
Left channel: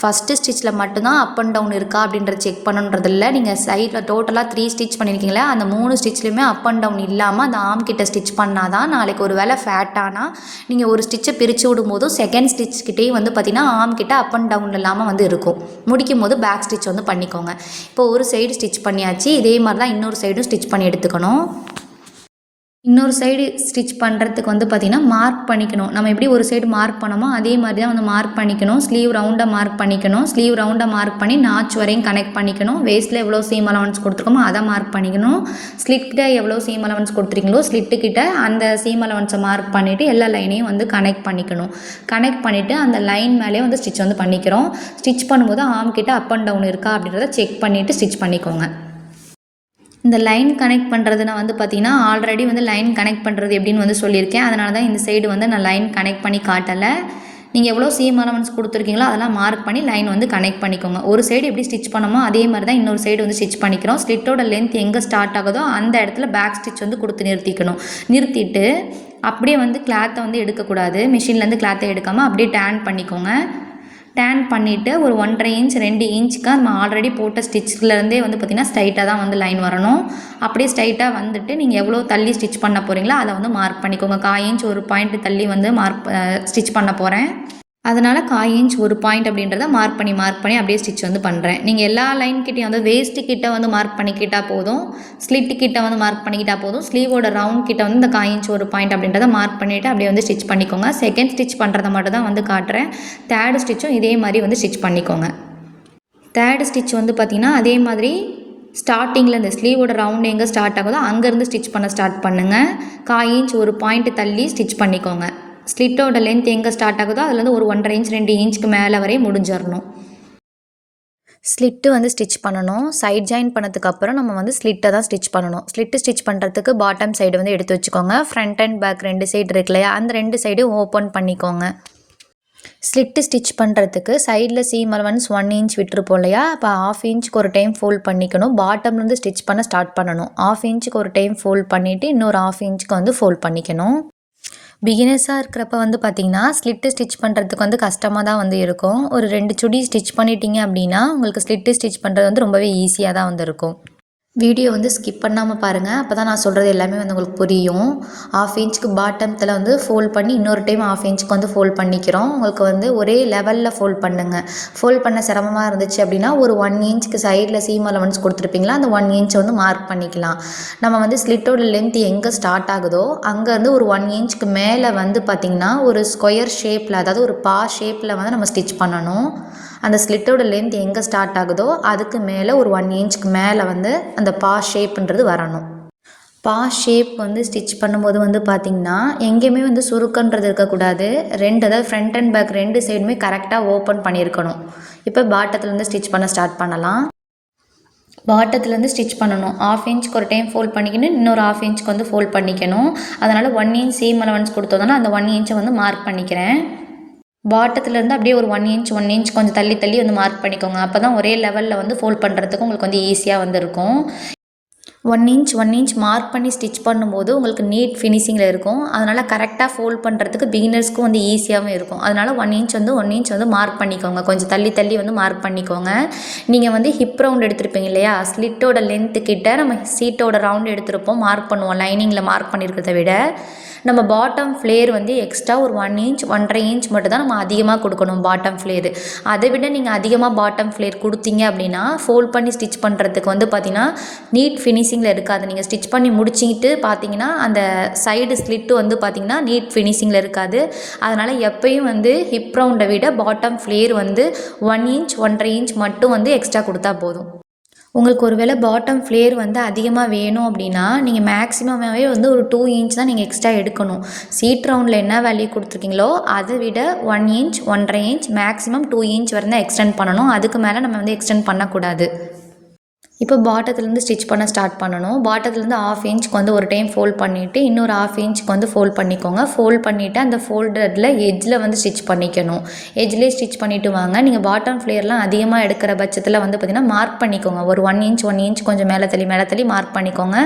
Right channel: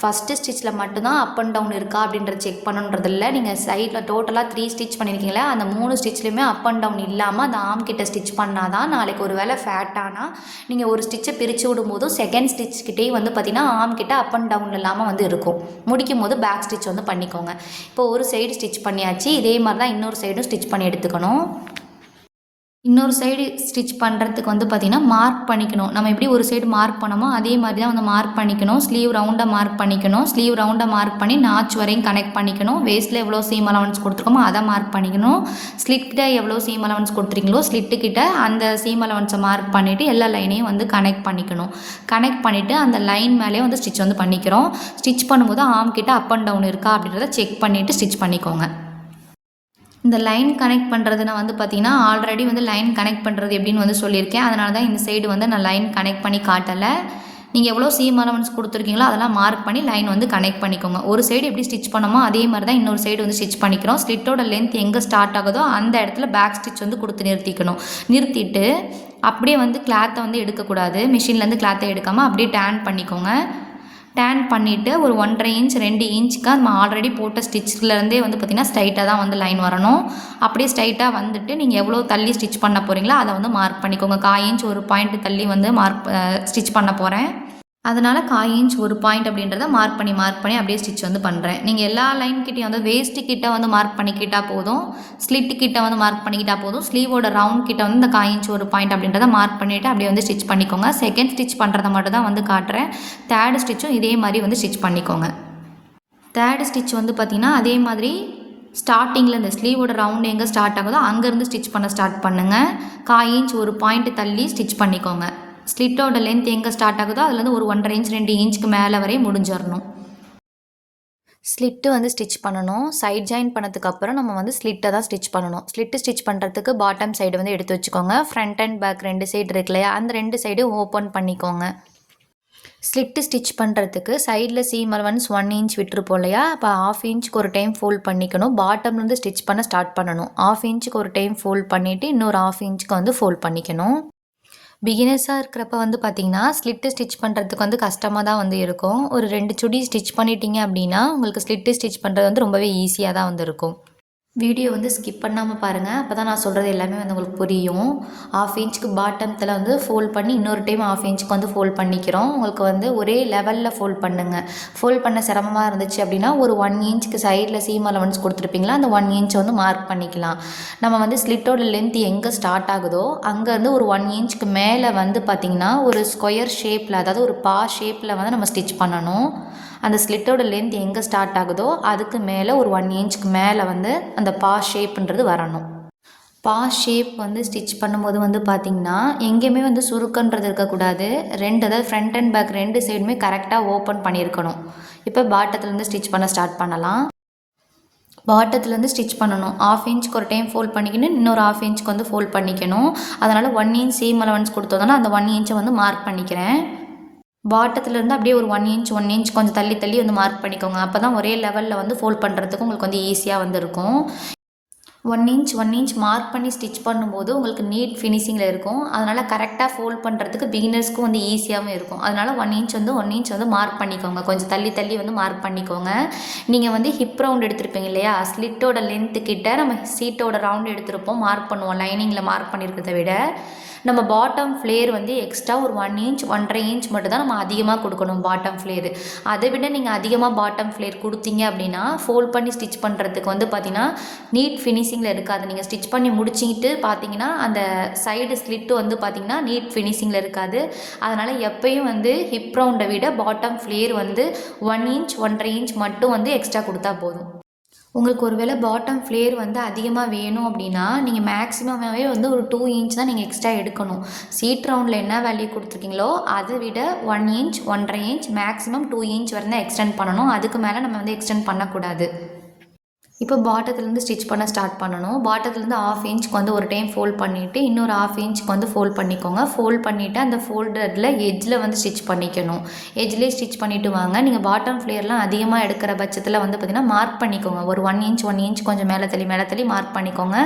ஃபஸ்ட்டு ஸ்டிச்சில் மட்டும்தான் அப் அண்ட் டவுன் இருக்கா அப்படின்றத செக் பண்ணுன்றது இல்லை. நீங்கள் சைடில் டோட்டலாக 3 ஸ்டிச் பண்ணியிருக்கீங்களா, அந்த 3 ஸ்டிச்லையுமே அப் அண்ட் டவுன் இல்லாமல் அந்த ஆர்ம் கிட்ட ஸ்டிச் பண்ணால் தான் நாளைக்கு ஒரு வேளை ஃபேட்டானால் நீங்கள் ஒரு ஸ்டிச்சை பிரித்து விடும்போதும் செகண்ட் ஸ்டிச் கிட்டேயும் வந்து பார்த்திங்கன்னா ஆர்ம் கிட்ட அப் அண்ட் டவுன் இல்லாமல் வந்து இருக்கும். முடிக்கும் போது பேக் ஸ்டிச் வந்து பண்ணிக்கோங்க. இப்போ ஒரு சைடு ஸ்டிச் பண்ணியாச்சு, இதே மாதிரி தான் இன்னொரு சைடும் ஸ்டிச் பண்ணி எடுத்துக்கணும். இன்னொரு சைடு ஸ்டிச் பண்ணுறதுக்கு வந்து பார்த்திங்கன்னா மார்க் பண்ணிக்கணும். நம்ம எப்படி ஒரு சைடு மார்க் பண்ணோமோ அதே மாதிரி தான் வந்து மார்க் பண்ணிக்கணும். ஸ்லீவ் ரவுண்டை மார்க் பண்ணிக்கணும். ஸ்லீவ் ரவுண்டை மார்க் பண்ணி நாச் வரையும் கனெக்ட் பண்ணிக்கணும். வேஸ்ட்டில் எவ்வளோ சீம் அலவன்ஸ் கொடுத்துருக்கோமோ அதை மார்க் பண்ணிக்கணும். ஸ்லிட்டில் எவ்வளோ சீம் அலவன்ஸ் கொடுத்துருக்கீங்களோ ஸ்லிட்டுக்கிட்ட அந்த சீம் அலவன்ஸை மார்க் பண்ணிவிட்டு எல்லா லைனையும் வந்து கனெக்ட் பண்ணிக்கணும். கனெக்ட் பண்ணிவிட்டு அந்த லைன் மேலேயே வந்து ஸ்டிச் வந்து பண்ணிக்கிறோம். ஸ்டிச் பண்ணும்போது ஆர்ம் கிட்ட அப் அண்ட் டவுன் இருக்கா அப்படின்றத செக் பண்ணிவிட்டு ஸ்டிச் பண்ணிக்கோங்க. இந்த லைன் கனெக்ட் பண்ணுறது நான் வந்து பார்த்திங்கன்னா ஆல்ரெடி வந்து லைன் கனெக்ட் பண்ணுறது எப்படின்னு வந்து சொல்லியிருக்கேன். அதனால தான் இந்த சைடு வந்து நான் லைன் கனெக்ட் பண்ணி காட்டலை. நீங்கள் எவ்வளோ சீம் அலவன்ஸ் கொடுத்துருக்கீங்களோ அதெல்லாம் மார்க் பண்ணி லைன் வந்து கனெக்ட் பண்ணிக்கோங்க. ஒரு சைடு எப்படி ஸ்டிச் பண்ணோமோ அதே மாதிரி தான் இன்னொரு சைடு வந்து ஸ்டிச் பண்ணிக்கிறோம். ஸ்லிட்டோட லென்த் எங்கே ஸ்டார்ட் ஆகுதோ அந்த இடத்துல பேக் ஸ்டிச் வந்து கொடுத்து நிறுத்திட்டு அப்படியே வந்து கிளாத்தை வந்து எடுக்கக்கூடாது. மிஷின்லேருந்து கிளாத்தை எடுக்காமல் அப்படியே டேன் பண்ணிக்கோங்க. டேன் பண்ணிவிட்டு ஒரு 1.5 இன்ச் 2 இன்ச்சுக்கு நம்ம ஆல்ரெடி போட்ட ஸ்டிச்சிலேருந்தே வந்து பார்த்திங்கன்னா ஸ்ட்ரைட்டாக தான் வந்து லைன் வரணும். அப்படியே ஸ்ட்ரைட்டாக வந்துட்டு நீங்கள் எவ்வளோ தள்ளி ஸ்டிச் பண்ண போகிறீங்களோ அதை வந்து மார்க் பண்ணிக்கோங்க. 1/4 இன்ச் ஒரு பாயிண்ட் தள்ளி வந்து ஸ்டிச் பண்ண போகிறேன். அதனால் 1/4 இன்ச் ஒரு பாயிண்ட் அப்படின்றத மார்க் பண்ணி அப்படியே ஸ்டிச் வந்து பண்ணுறேன். நீங்கள் எல்லா லைன் கிட்டேயும் வந்து வேஸ்ட்டு கிட்ட வந்து மார்க் பண்ணிக்கிட்டால் போதும், ஸ்லிட்டு கிட்ட வந்து மார்க் பண்ணிக்கிட்டால் போதும். ஸ்லீவோட ரவுண்ட் கிட்ட வந்து இந்த 1/4 இன்ச் ஒரு பாயிண்ட் அப்படின்றத மார்க் பண்ணிவிட்டு அப்படியே வந்து ஸ்டிச் பண்ணிக்கோங்க. செகண்ட் ஸ்டிச் பண்ணுறத மட்டும் தான் வந்து காட்டுறேன். தேர்டு ஸ்டிச்சும் இதே மாதிரி வந்து ஸ்டிச் பண்ணிக்கோங்க. தேர்டு ஸ்டிச் வந்து பார்த்திங்கன்னா அதே மாதிரி ஸ்டார்டிங்கில் இந்த ஸ்லீவோட ரவுண்ட் எங்கே ஸ்டார்ட் ஆகுதோ அங்கேருந்து ஸ்டிச் பண்ண ஸ்டார்ட் பண்ணுங்கள். 1/4 இன்ச் ஒரு பாயிண்ட் தள்ளி ஸ்டிச் பண்ணிக்கோங்க. ஸ்லிட்டோட லென்த் எங்கே ஸ்டார்ட் ஆகுதோ அதுலேருந்து ஒரு 1.5 இன்ச் 2 இன்ச்சுக்கு மேலே வரையும் முடிஞ்சிடணும். ஸ்லிட்டு வந்து ஸ்டிச் பண்ணணும். சைட் ஜாயின் பண்ணதுக்கப்புறம் நம்ம வந்து ஸ்லிட்டை தான் ஸ்டிச் பண்ணணும். ஸ்லிட்டு ஸ்டிச் பண்ணுறதுக்கு பாட்டம் சைடு வந்து எடுத்து வச்சுக்கோங்க. ஃப்ரண்ட் அண்ட் பேக் 2 சைடு இருக்கு இல்லையா, அந்த 2 சைடும் ஓப்பன் பண்ணிக்கோங்க. ஸ்லிட்டு ஸ்டிச் பண்ணுறதுக்கு சைடில் சீம் அலவன்ஸ் 1 இன்ச் விட்டுருப்போம் இல்லையா, அப்போ 1/2 இன்ச்சுக்கு ஒரு டைம் ஃபோல்ட் பண்ணிக்கணும். பாட்டம்லேருந்து ஸ்டிச் பண்ண ஸ்டார்ட் பண்ணணும். 1/2 இன்ச்சுக்கு ஒரு டைம் ஃபோல்ட் பண்ணிவிட்டு இன்னொரு 1/2 இன்ச்சுக்கு வந்து ஃபோல்ட் பண்ணிக்கணும். பிகினர்ஸாக இருக்கிறப்ப வந்து பார்த்திங்கன்னா ஸ்லிட்டு ஸ்டிச் பண்ணுறதுக்கு வந்து கஷ்டமாக தான் வந்து இருக்கும். ஒரு 2 சுடி ஸ்டிச் பண்ணிட்டீங்க அப்படின்னா உங்களுக்கு ஸ்லிட்டு ஸ்டிச் பண்ணுறது வந்து ரொம்பவே ஈஸியாக தான் வந்து இருக்கும். வீடியோ வந்து ஸ்கிப் பண்ணாமல் பாருங்கள், அப்போ தான் நான் சொல்கிறது எல்லாமே வந்து உங்களுக்கு புரியும். 1/2 இன்ச்சுக்கு பாட்டத்தில் வந்து ஃபோல்ட் பண்ணி இன்னொரு டைம் 1/2 இன்ச்சுக்கு வந்து ஃபோல்ட் பண்ணிக்கிறோம். உங்களுக்கு வந்து ஒரே லெவலில் ஃபோல்ட் பண்ணுங்கள். ஃபோல்ட் பண்ண சிரமமாக இருந்துச்சு அப்படின்னா ஒரு 1 இன்ச்சுக்கு சைடில் சீம் அலவன்ஸ் கொடுத்துருப்பீங்களா, அந்த 1 இன்ச்சை வந்து மார்க் பண்ணிக்கலாம். நம்ம வந்து ஸ்லிட்டோட லென்த் எங்கே ஸ்டார்ட் ஆகுதோ அங்கேருந்து ஒரு 1 இன்ச்சுக்கு மேலே வந்து பார்த்திங்கன்னா ஒரு ஸ்கொயர் ஷேப்பில், அதாவது ஒரு பா ஷேப்பில் வந்து நம்ம ஸ்டிச் பண்ணணும். அந்த ஸ்லிட்டோட லென்த் எங்கே ஸ்டார்ட் ஆகுதோ அதுக்கு மேலே ஒரு 1 இன்ச்சுக்கு மேலே வந்து அந்த பா ஷேப்புன்றது வரணும். பா ஷேப் வந்து ஸ்டிச் பண்ணும்போது வந்து பார்த்திங்கன்னா எங்கேயுமே வந்து சுருக்கன்றது இருக்கக்கூடாது. அதாவது ஃப்ரண்ட் அண்ட் பேக் 2 சைடுமே கரெக்டாக ஓப்பன் பண்ணியிருக்கணும். இப்போ பாட்டத்துலேருந்து ஸ்டிச் பண்ண ஸ்டார்ட் பண்ணலாம். பாட்டத்துலேருந்து ஸ்டிச் பண்ணணும். 1/2 இன்ச்சுக்கு ஒரு டைம் ஃபோல்ட் பண்ணிக்கணும், இன்னொரு 1/2 இன்ச்சுக்கு வந்து ஃபோல்ட் பண்ணிக்கணும். அதனால் 1 இன்ச் சீம் அலவன்ஸ் கொடுத்ததுனால அந்த 1 இன்ச்சை வந்து மார்க் பண்ணிக்கிறேன். பாட்டத்துலேருந்து அப்படியே ஒரு 1 இன்ச் கொஞ்சம் தள்ளி தள்ளி வந்து மார்க் பண்ணிக்கோங்க. அப்போ தான் ஒரே லெவலில் வந்து ஃபோல்ட் பண்ணுறதுக்கு உங்களுக்கு வந்து ஈஸியாக வந்து இருக்கும். 1 இன்ச் மார்க் பண்ணி ஸ்டிச் பண்ணும்போது உங்களுக்கு நீட் ஃபினிஷிங்கில் இருக்கும். அதனால் கரெக்டாக ஃபோல்ட் பண்ணுறதுக்கு பிகினர்ஸ்க்கும் வந்து ஈஸியாகவும் இருக்கும். அதனால் 1 இன்ச் வந்து மார்க் பண்ணிக்கோங்க. கொஞ்சம் தள்ளி தள்ளி வந்து மார்க் பண்ணிக்கோங்க. நீங்கள் வந்து ஹிப் ரவுண்ட் எடுத்திருப்பீங்க இல்லையா, ஸ்லிட்டோட லென்த்து கிட்ட நம்ம சீட்டோட ரவுண்ட் எடுத்திருப்போம், மார்க் பண்ணுவோம். லைனிங்கில் மார்க் பண்ணியிருக்கிறத விட நம்ம பாட்டம் ஃப்ளேர் வந்து எக்ஸ்ட்ரா ஒரு 1 இன்ச் 1.5 இன்ச் மட்டும் தான் நம்ம அதிகமாக கொடுக்கணும் பாட்டம் ஃப்ளேரு. அதை விட நீங்கள் அதிகமாக பாட்டம் ஃப்ளேர் கொடுத்தீங்க அப்படின்னா ஃபோல்ட் பண்ணி ஸ்டிச் பண்ணுறதுக்கு வந்து பார்த்திங்கன்னா நீட் ஃபினிஷிங்கில் இருக்காது. நீங்கள் ஸ்டிச் பண்ணி முடிச்சிக்கிட்டு பார்த்தீங்கன்னா அந்த சைடு ஸ்லிட்டு வந்து பார்த்திங்கன்னா நீட் ஃபினிஷிங்கில் இருக்காது. அதனால் எப்பயும் வந்து ஹிப் ரவுண்டை விட பாட்டம் ஃப்ளேர் வந்து 1 இன்ச் 1.5 இன்ச் மட்டும் வந்து எக்ஸ்ட்ரா கொடுத்தா போதும். உங்களுக்கு ஒரு வேளை பாட்டம் ஃப்ளேர் வந்து அதிகமாக வேணும் அப்படின்னா நீங்கள் மேக்ஸிமமாகவே வந்து ஒரு 2 இன்ச் தான் நீங்கள் எக்ஸ்ட்ரா எடுக்கணும். சீட் ரவுண்டில் என்ன வேல்யூ கொடுத்துருக்கீங்களோ அதை விட 1 இன்ச் 1.5 இன்ச் மேக்ஸிமம் 2 இன்ச் வரை தான் எக்ஸ்டெண்ட் பண்ணணும். அதுக்கு மேலே நம்ம வந்து எக்ஸ்டெண்ட் பண்ணக்கூடாது. இப்போ பாட்டத்துலேருந்து ஸ்டிச் பண்ண ஸ்டார்ட் பண்ணணும். பாட்டத்துலேருந்து 1/2 இன்ச்சுக்கு வந்து ஒரு டைம் ஃபோல்ட் பண்ணிவிட்டு இன்னொரு 1/2 இன்ச்சுக்கு வந்து ஃபோல்ட் பண்ணிக்கோங்க. ஃபோல்ட் பண்ணிவிட்டு அந்த ஃபோல்டடில் எட்ஜில் வந்து ஸ்டிச் பண்ணிக்கணும். எட்ஜ்லேயே ஸ்டிச் பண்ணிவிட்டு வாங்க. நீங்கள் பாட்டம் ஃப்ளேர்லாம் அதிகமாக எடுக்கிற பட்சத்தில் வந்து பார்த்திங்கன்னா மார்க் பண்ணிக்கோங்க. ஒரு 1 இன்ச் கொஞ்சம் மேலே தள்ளி மார்க் பண்ணிக்கோங்க.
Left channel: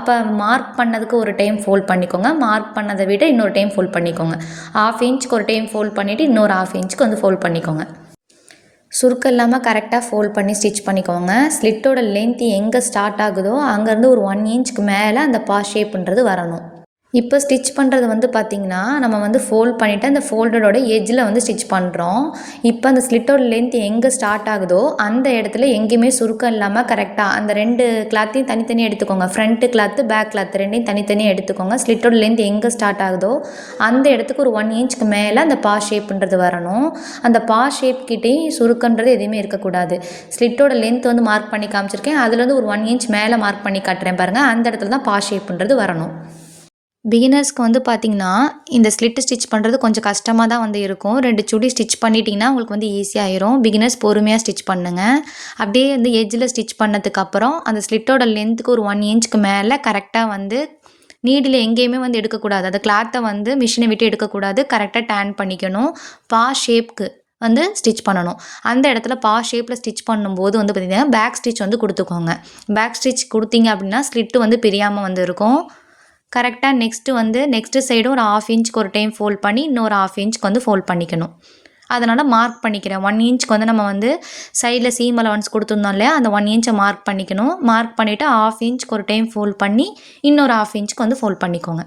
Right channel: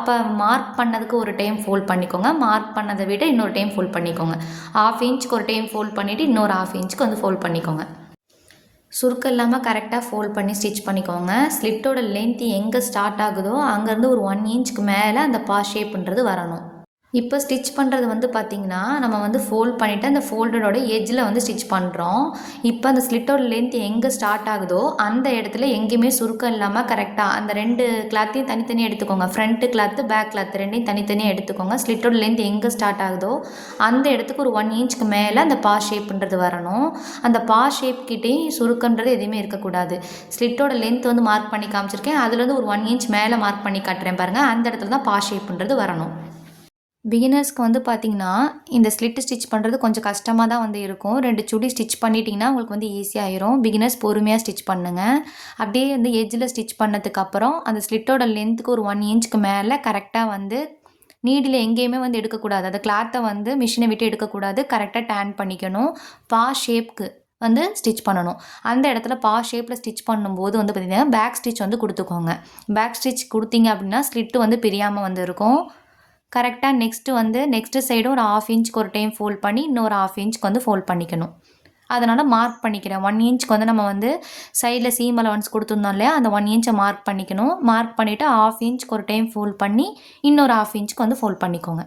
அப்போ மார்க் பண்ணதுக்கு ஒரு டைம் ஃபோல்ட் பண்ணிக்கோங்க. மார்க் பண்ணதை விட இன்னொரு டைம் ஃபோல்ட் பண்ணிக்கோங்க. 1/2 இன்ச்சுக்கு ஒரு டைம் ஃபோல்ட் பண்ணிவிட்டு இன்னொரு 1/2 இன்ச்சுக்கு வந்து ஃபோல்ட் பண்ணிக்கோங்க. சுருக்கம் இல்லாமல் கரெக்டாக ஃபோல்ட் பண்ணி ஸ்டிச் பண்ணிக்கோங்க. ஸ்லிட்டோட லென்த் எங்கே ஸ்டார்ட் ஆகுதோ அங்கேருந்து ஒரு 1 இன்ச்சுக்கு மேலே அந்த பா ஷேப்புன்றது வரணும். இப்போ ஸ்டிச் பண்ணுறது வந்து பார்த்திங்கன்னா நம்ம வந்து ஃபோல்ட் பண்ணிவிட்டு அந்த ஃபோல்டரோட எட்ஜில் வந்து ஸ்டிச் பண்ணுறோம். இப்போ அந்த ஸ்லிட்டோட லென்த் எங்கே ஸ்டார்ட் ஆகுதோ அந்த இடத்துல எங்கேயுமே சுருக்கம் இல்லாமல் கரெக்டாக அந்த 2 கிளாத்தையும் தனித்தனியாக எடுத்துக்கோங்க. ஃப்ரண்ட்டு கிளாத்து பேக் கிளாத் 2யும் தனித்தனியாக எடுத்துக்கோங்க. ஸ்லிட்டோட லென்த் எங்கே ஸ்டார்ட் ஆகுதோ அந்த இடத்துக்கு ஒரு 1 இன்ச்சுக்கு மேலே அந்த பா ஷேப்புன்றது வரணும். அந்த பா ஷேப் கிட்டேயும் சுருக்கன்றது எதுவுமே இருக்கக்கூடாது. ஸ்லிட்டோட லென்த் வந்து மார்க் பண்ணி காமிச்சிருக்கேன், அதுலேருந்து ஒரு 1 இன்ச் மேலே மார்க் பண்ணி காட்டுறேன் பாருங்கள். அந்த இடத்துல தான் பா ஷேப்புன்றது வரணும். பிகினர்ஸ்க்கு வந்து பார்த்திங்கன்னா இந்த ஸ்லிட்டு ஸ்டிச் பண்ணுறது கொஞ்சம் கஷ்டமாக தான் வந்து இருக்கும். 2 சுடி ஸ்டிச் பண்ணிட்டிங்கன்னா உங்களுக்கு வந்து ஈஸியாகிடும். பிகினர்ஸ் பொறுமையாக ஸ்டிச் பண்ணுங்கள். அப்படியே வந்து எட்ஜில் ஸ்டிச் பண்ணதுக்கப்புறம் அந்த ஸ்லிட்டோட லென்த்துக்கு ஒரு 1 இன்ச்சுக்கு மேலே கரெக்டாக வந்து நீடில் எங்கேயுமே வந்து எடுக்கக்கூடாது. அந்த கிளாத்தை வந்து மிஷினை விட்டு எடுக்கக்கூடாது. கரெக்டாக டேன் பண்ணிக்கணும். பா ஷேப்க்கு வந்து ஸ்டிச் பண்ணணும். அந்த இடத்துல பா ஷேப்பில் ஸ்டிச் பண்ணும்போது வந்து பார்த்திங்கன்னா பேக் ஸ்டிச் வந்து கொடுத்துக்கோங்க. பேக் ஸ்டிச் கொடுத்தீங்க அப்படின்னா ஸ்லிட்டு வந்து பிரியாமல் வந்து இருக்கும். கரெக்டாக நெக்ஸ்ட்டு சைடும் ஒரு 1/2 இன்ச்சுக்கு ஒரு டைம் ஃபோல்ட் பண்ணி இன்னொரு 1/2 இன்ச்சுக்கு வந்து ஃபோல்ட் பண்ணிக்கணும். அதனால் மார்க் பண்ணிக்கிறேன். 1 இன்ச்சுக்கு வந்து நம்ம வந்து சைடில் சீம் அலவன்ஸ் கொடுத்துருந்தோம் இல்லையா, அந்த 1 இன்ச்சை மார்க் பண்ணிக்கணும். மார்க் பண்ணிவிட்டு 1/2 இன்ச்சுக்கு ஒரு டைம் ஃபோல்ட் பண்ணி இன்னொரு 1/2 இன்ச்சுக்கு வந்து ஃபோல்ட் பண்ணிக்கோங்க.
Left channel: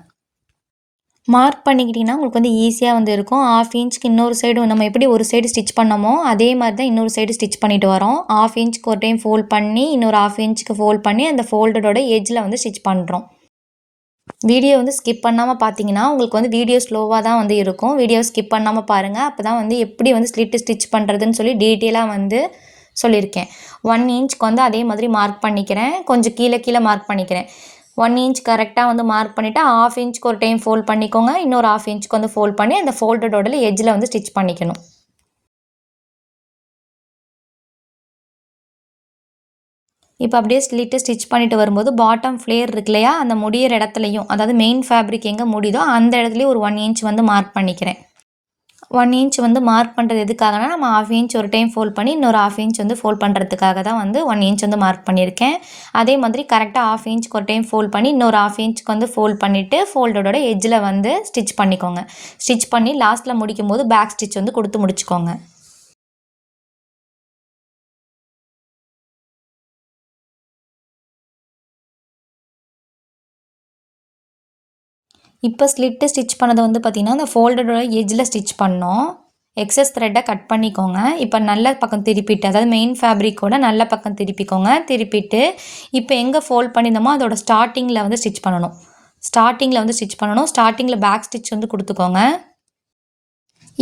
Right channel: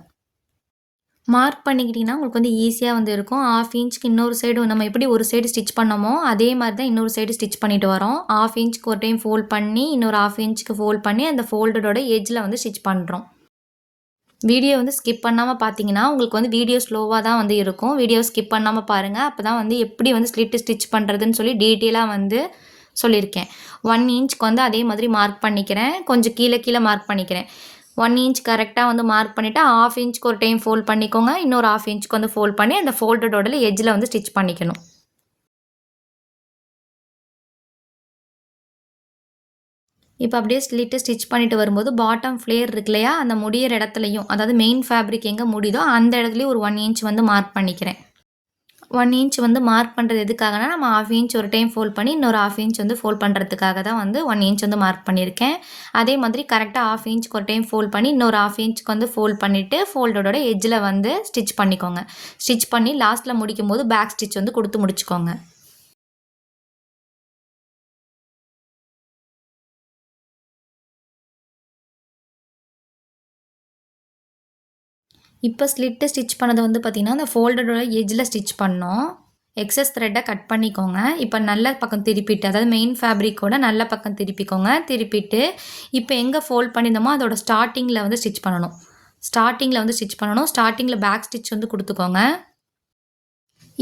மார்க் பண்ணிக்கிட்டிங்கன்னா உங்களுக்கு வந்து ஈஸியாக வந்து இருக்கும். 1/2 இன்ச்சுக்கு இன்னொரு சைடு நம்ம எப்படி ஒரு சைடு ஸ்டிச் பண்ணோமோ அதே மாதிரி தான் இன்னொரு சைடு ஸ்டிச் பண்ணிட்டு வரோம். 1/2 இன்ச்சுக்கு ஒரு டைம் ஃபோல்ட் பண்ணி இன்னொரு 1/2 இன்ச்சுக்கு ஃபோல்ட் பண்ணி அந்த ஃபோல்டரோட எட்ஜில் வந்து ஸ்டிச் பண்ணுறோம். வீடியோ வந்து ஸ்கிப் பண்ணாமல் பார்த்தீங்கன்னா உங்களுக்கு வந்து வீடியோ ஸ்லோவாக தான் வந்து இருக்கும். வீடியோ ஸ்கிப் பண்ணாமல் பாருங்கள். அப்போ தான் வந்து எப்படி வந்து ஸ்லிட்டு ஸ்டிச் பண்ணுறதுன்னு சொல்லி டீட்டெயிலாக வந்து சொல்லியிருக்கேன். 1 இன்ச்சுக்கு வந்து அதே மாதிரி மார்க் பண்ணிக்கிறேன். கொஞ்சம் கீழே மார்க் பண்ணிக்கிறேன். 1 இன்ச் கரெக்டாக வந்து மார்க் பண்ணிவிட்டு 1/2 இன்ச்சுக்கு ஒரு டைம் ஃபோல்ட் பண்ணிக்கோங்க. இன்னொரு 1/2 இன்ச்சுக்கு வந்து ஃபோல்ட் பண்ணி அந்த ஃபோல்டடோட எட்ஜில் வந்து ஸ்டிச் பண்ணிக்கணும். இப்போ அப்படியே ஸ்லிட்டு ஸ்டிச் பண்ணிட்டு வரும்போது பாட்டம் ஃப்ளேர் இருக்கு இல்லையா, அந்த முடியிற இடத்துலையும், அதாவது மெயின் ஃபேப்ரிக் எங்கே முடியுதோ அந்த இடத்துலையும் ஒரு 1 இன்ச் வந்து மார்க் பண்ணிக்கிறேன். 1 இன்ச் வந்து மார்க் பண்ணுறது எதுக்காகனா, நம்ம 1/2 இன்ச் ஒரு டைம் ஃபோல்ட் பண்ணி இன்னொரு 1/2 இன்ச் வந்து ஃபோல்ட் பண்ணுறதுக்காக தான் வந்து 1 இன்ச் வந்து மார்க் பண்ணியிருக்கேன். அதே மாதிரி கரெக்டாக 1/2 இன்ச்சுக்கு ஒரு டைம் ஃபோல்ட் பண்ணி இன்னொரு 1/2 இன்ச்சுக்கு வந்து ஃபோல்ட் பண்ணிவிட்டு ஃபோல்டோட எட்ஜில் வந்து ஸ்டிச் பண்ணிக்கோங்க. ஸ்டிச் பண்ணி லாஸ்ட்டில் முடிக்கும்போது பேக் ஸ்டிச் வந்து கொடுத்து முடிச்சுக்கோங்க. இப்போ ஸ்லிட்டு ஸ்டிச் பண்ணதை வந்து பார்த்திங்கன்னா, அந்த ஃபோல்டரோட எட்ஜில் ஸ்டிச் பண்ணோம். எக்ஸஸ் த்ரெட்டை கட் பண்ணிக்கோங்க. இப்போ நல்ல பக்கம் திருப்பிட்டு, அதாவது மெயின் ஃபேப்ரிக்கோட நல்ல பக்கம் திருப்பிக்கோங்க. திருப்பிட்டு இப்போ எங்கே ஃபோல்ட் பண்ணியிருந்தோமோ அதோட ஸ்டார்டிங்கில் வந்து ஸ்டிச் பண்ணணும். ஸ்டார்டிங்கில் பேக் ஸ்டிச் வந்து கொடுத்துக்கோங்க.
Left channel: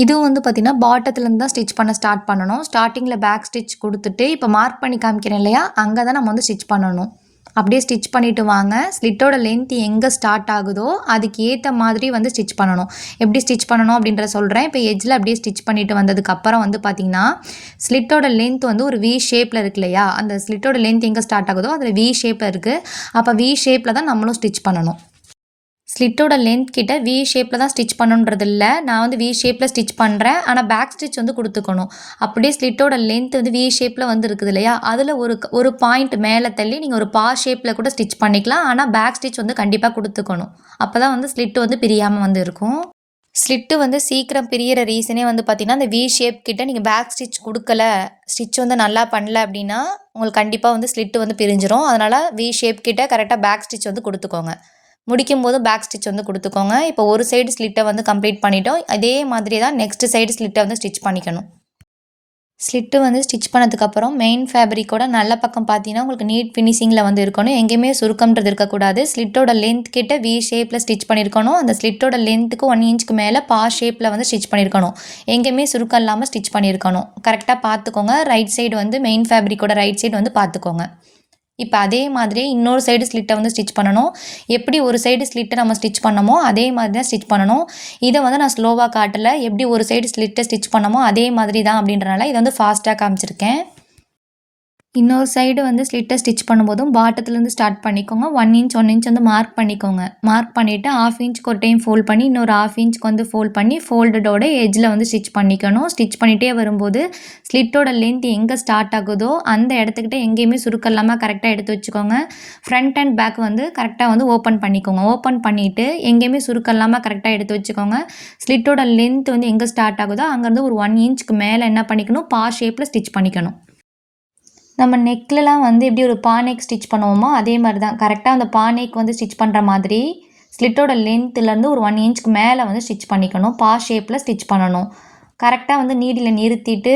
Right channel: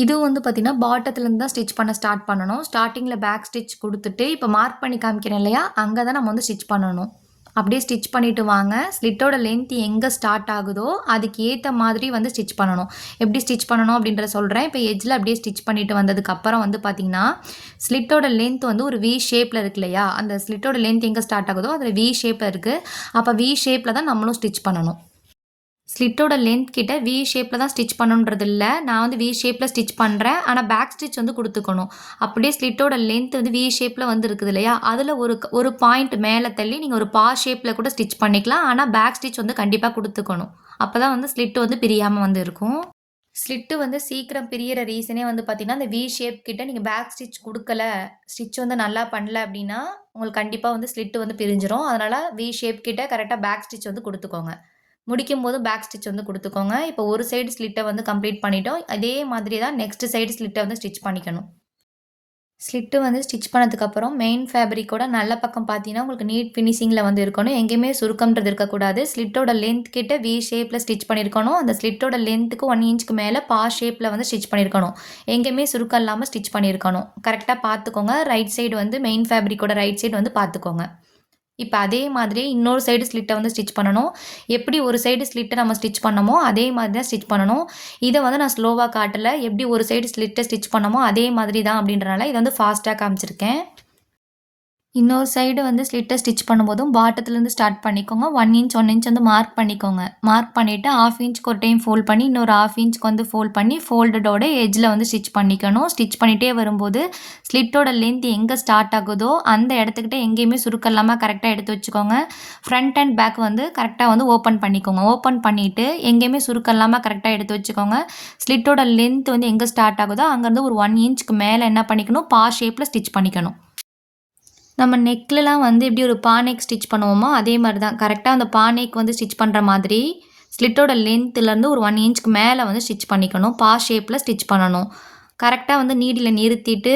இதுவும் வந்து பார்த்திங்கன்னா பாட்டத்துலேருந்து தான் ஸ்டிச் பண்ண ஸ்டார்ட் பண்ணணும். ஸ்டார்டிங்கில் பேக் ஸ்டிச் கொடுத்துட்டு இப்போ மார்க் பண்ணி காமிக்கிறேன் இல்லையா, அங்கே தான் நம்ம வந்து ஸ்டிச் பண்ணணும். அப்படியே ஸ்டிச் பண்ணிவிட்டு வாங்க. ஸ்லிட்டோட லென்த் எங்கே ஸ்டார்ட் ஆகுதோ அதுக்கு ஏற்ற மாதிரி வந்து ஸ்டிச் பண்ணணும். எப்படி ஸ்டிச் பண்ணணும் அப்படின்ற சொல்கிறேன். இப்போ எட்ஜில் அப்படியே ஸ்டிச் பண்ணிவிட்டு வந்ததுக்கப்புறம் வந்து பார்த்திங்கன்னா, ஸ்லிட்டோட லென்த் வந்து ஒரு வி ஷேப்பில் இருக்கு இல்லையா, அந்த ஸ்லிட்டோட லென்த் எங்கே ஸ்டார்ட் ஆகுதோ அதில் வி ஷேப்பில் இருக்குது. அப்போ வி ஷேப்பில் தான் நம்மளும் ஸ்டிச் பண்ணணும். ஸ்லிட்டோட லென்த் கிட்ட வி ஷேப்பில் தான் ஸ்டிச் பண்ணணுன்றது இல்லை. நான் வந்து வி ஷேப்பில் ஸ்டிச் பண்ணுறேன். ஆனால் பேக் ஸ்டிச் வந்து கொடுத்துக்கணும். அப்படியே ஸ்லிட்டோட லென்த் வந்து வி ஷேப்பில் வந்து இருக்குது இல்லையா, அதில் ஒரு பாயிண்ட் மேலே தள்ளி நீங்கள் ஒரு பா ஷேப்பில் கூட ஸ்டிச் பண்ணிக்கலாம். ஆனால் பேக் ஸ்டிச் வந்து கண்டிப்பாக கொடுத்துக்கணும். அப்போ தான் வந்து ஸ்லிட்டு வந்து பிரியாமல் வந்து இருக்கும். ஸ்லிட்டு வந்து சீக்கிரம் பிரியிற ரீசனே வந்து பார்த்திங்கன்னா, அந்த வி ஷேப் கிட்ட நீங்கள் பேக் ஸ்டிச் கொடுக்கல, ஸ்டிச் வந்து நல்லா பண்ணல அப்படின்னா உங்களுக்கு கண்டிப்பாக வந்து ஸ்லிட்டு வந்து பிரிஞ்சிரும். அதனால் வி ஷேப் கிட்ட கரெக்டாக பேக் ஸ்டிச் வந்து கொடுத்துக்கோங்க. முடிக்கும் போது பேக் ஸ்டிச் வந்து கொடுத்துக்கோங்க. இப்போ ஒரு சைடு ஸ்லிட்டை வந்து கம்ப்ளீட் பண்ணிட்டோம். அதே மாதிரி தான் நெக்ஸ்ட் சைடு ஸ்லிட்டை வந்து ஸ்டிச் பண்ணிக்கணும். ஸ்லிட்டு வந்து ஸ்டிச் பண்ணதுக்கப்புறம் மெயின் ஃபேப்ரிக்கோட நல்ல பக்கம் பார்த்தீங்கன்னா உங்களுக்கு நீட் ஃபினிஷிங்கில் வந்து இருக்கணும். எங்கேயுமே சுருக்கம்ன்றது இருக்கக்கூடாது. ஸ்லிட்டோட லென்த் கிட்ட வி ஷேப்பில் ஸ்டிச் பண்ணியிருக்கணும். அந்த ஸ்லிட்டோட லென்த்துக்கு 1 இன்ச்சுக்கு மேலே பா ஷேப்பில் வந்து ஸ்டிச் பண்ணியிருக்கணும். எங்கேயுமே சுருக்கம் இல்லாமல் ஸ்டிச் பண்ணியிருக்கணும். கரெக்டாக பார்த்துக்கோங்க. ரைட் சைடு வந்து மெயின் ஃபேப்ரிக்கோட ரைட் சைடு வந்து பார்த்துக்கோங்க. இப்போ அதே மாதிரியே இன்னொரு சைடு ஸ்லிட்டை வந்து ஸ்டிச் பண்ணணும். எப்படி ஒரு சைடு ஸ்லிட்டை நம்ம ஸ்டிச் பண்ணமோ அதே மாதிரி தான் ஸ்டிச் பண்ணணும். இதை வந்து நான் ஸ்லோவாக காட்டலை. எப்படி ஒரு சைடு ஸ்லிட்டை ஸ்டிச் பண்ணமோ அதே மாதிரி தான் அப்படின்றனால இதை வந்து ஃபாஸ்ட்டாக காமிச்சிருக்கேன். இன்னொரு சைடு வந்து ஸ்லிட்டை ஸ்டிச் பண்ணும்போதும் பாட்டத்துலேருந்து ஸ்டார்ட் பண்ணிக்கோங்க. 1 இன்ச் வந்து மார்க் பண்ணிக்கோங்க. மார்க் பண்ணிவிட்டு 1/2 இன்ச்சுக்கு ஒரு டைம் ஃபோல்ட் பண்ணி இன்னொரு 1/2 இன்ச்சுக்கு வந்து ஃபோல்ட் பண்ணி ஃபோல்டடோட எட்ஜில் வந்து ஸ்டிச் பண்ணிக்கணும். ஸ்டிச் பண்ணிகிட்டே வரும்போது ஸ்லிட்டோட லென்த் எங்கே ஸ்டார்ட் ஆகுதோ அந்த இடத்துக்கிட்ட எங்கேயுமே சுருக்கம் இல்லாமல் கரெக்டாக எடுத்து வச்சுக்கோங்க. ஃப்ரண்ட் அண்ட் பேக் வந்து கரெக்டாக வந்து ஓப்பன் பண்ணிக்கோங்க. ஓப்பன் பண்ணிவிட்டு எங்கேயுமே சுருக்கம் இல்லாமல் கரெக்டாக எடுத்து வச்சுக்கோங்க. ஸ்லிட்டோட லென்த் வந்து எங்கே ஸ்டார்ட் ஆகுதோ அங்கேருந்து ஒரு 1 இன்ச்சுக்கு மேலே என்ன பண்ணிக்கணும், பா ஷேப்பில் ஸ்டிச் பண்ணிக்கணும். நம்ம நெக்லலாம் வந்து எப்படி ஒரு பா நெக் ஸ்டிச் பண்ணுவோமோ அதே மாதிரி தான் கரெக்டாக அந்த பா நெக் வந்து ஸ்டிச் பண்ணுற மாதிரி ஸ்லிட்டோட லென்த்துலேருந்து ஒரு 1 இன்ச்சுக்கு மேலே வந்து ஸ்டிச் பண்ணிக்கணும். பா ஷேப்பில் ஸ்டிச் பண்ணணும். கரெக்டாக வந்து நீடில் நிறுத்திட்டு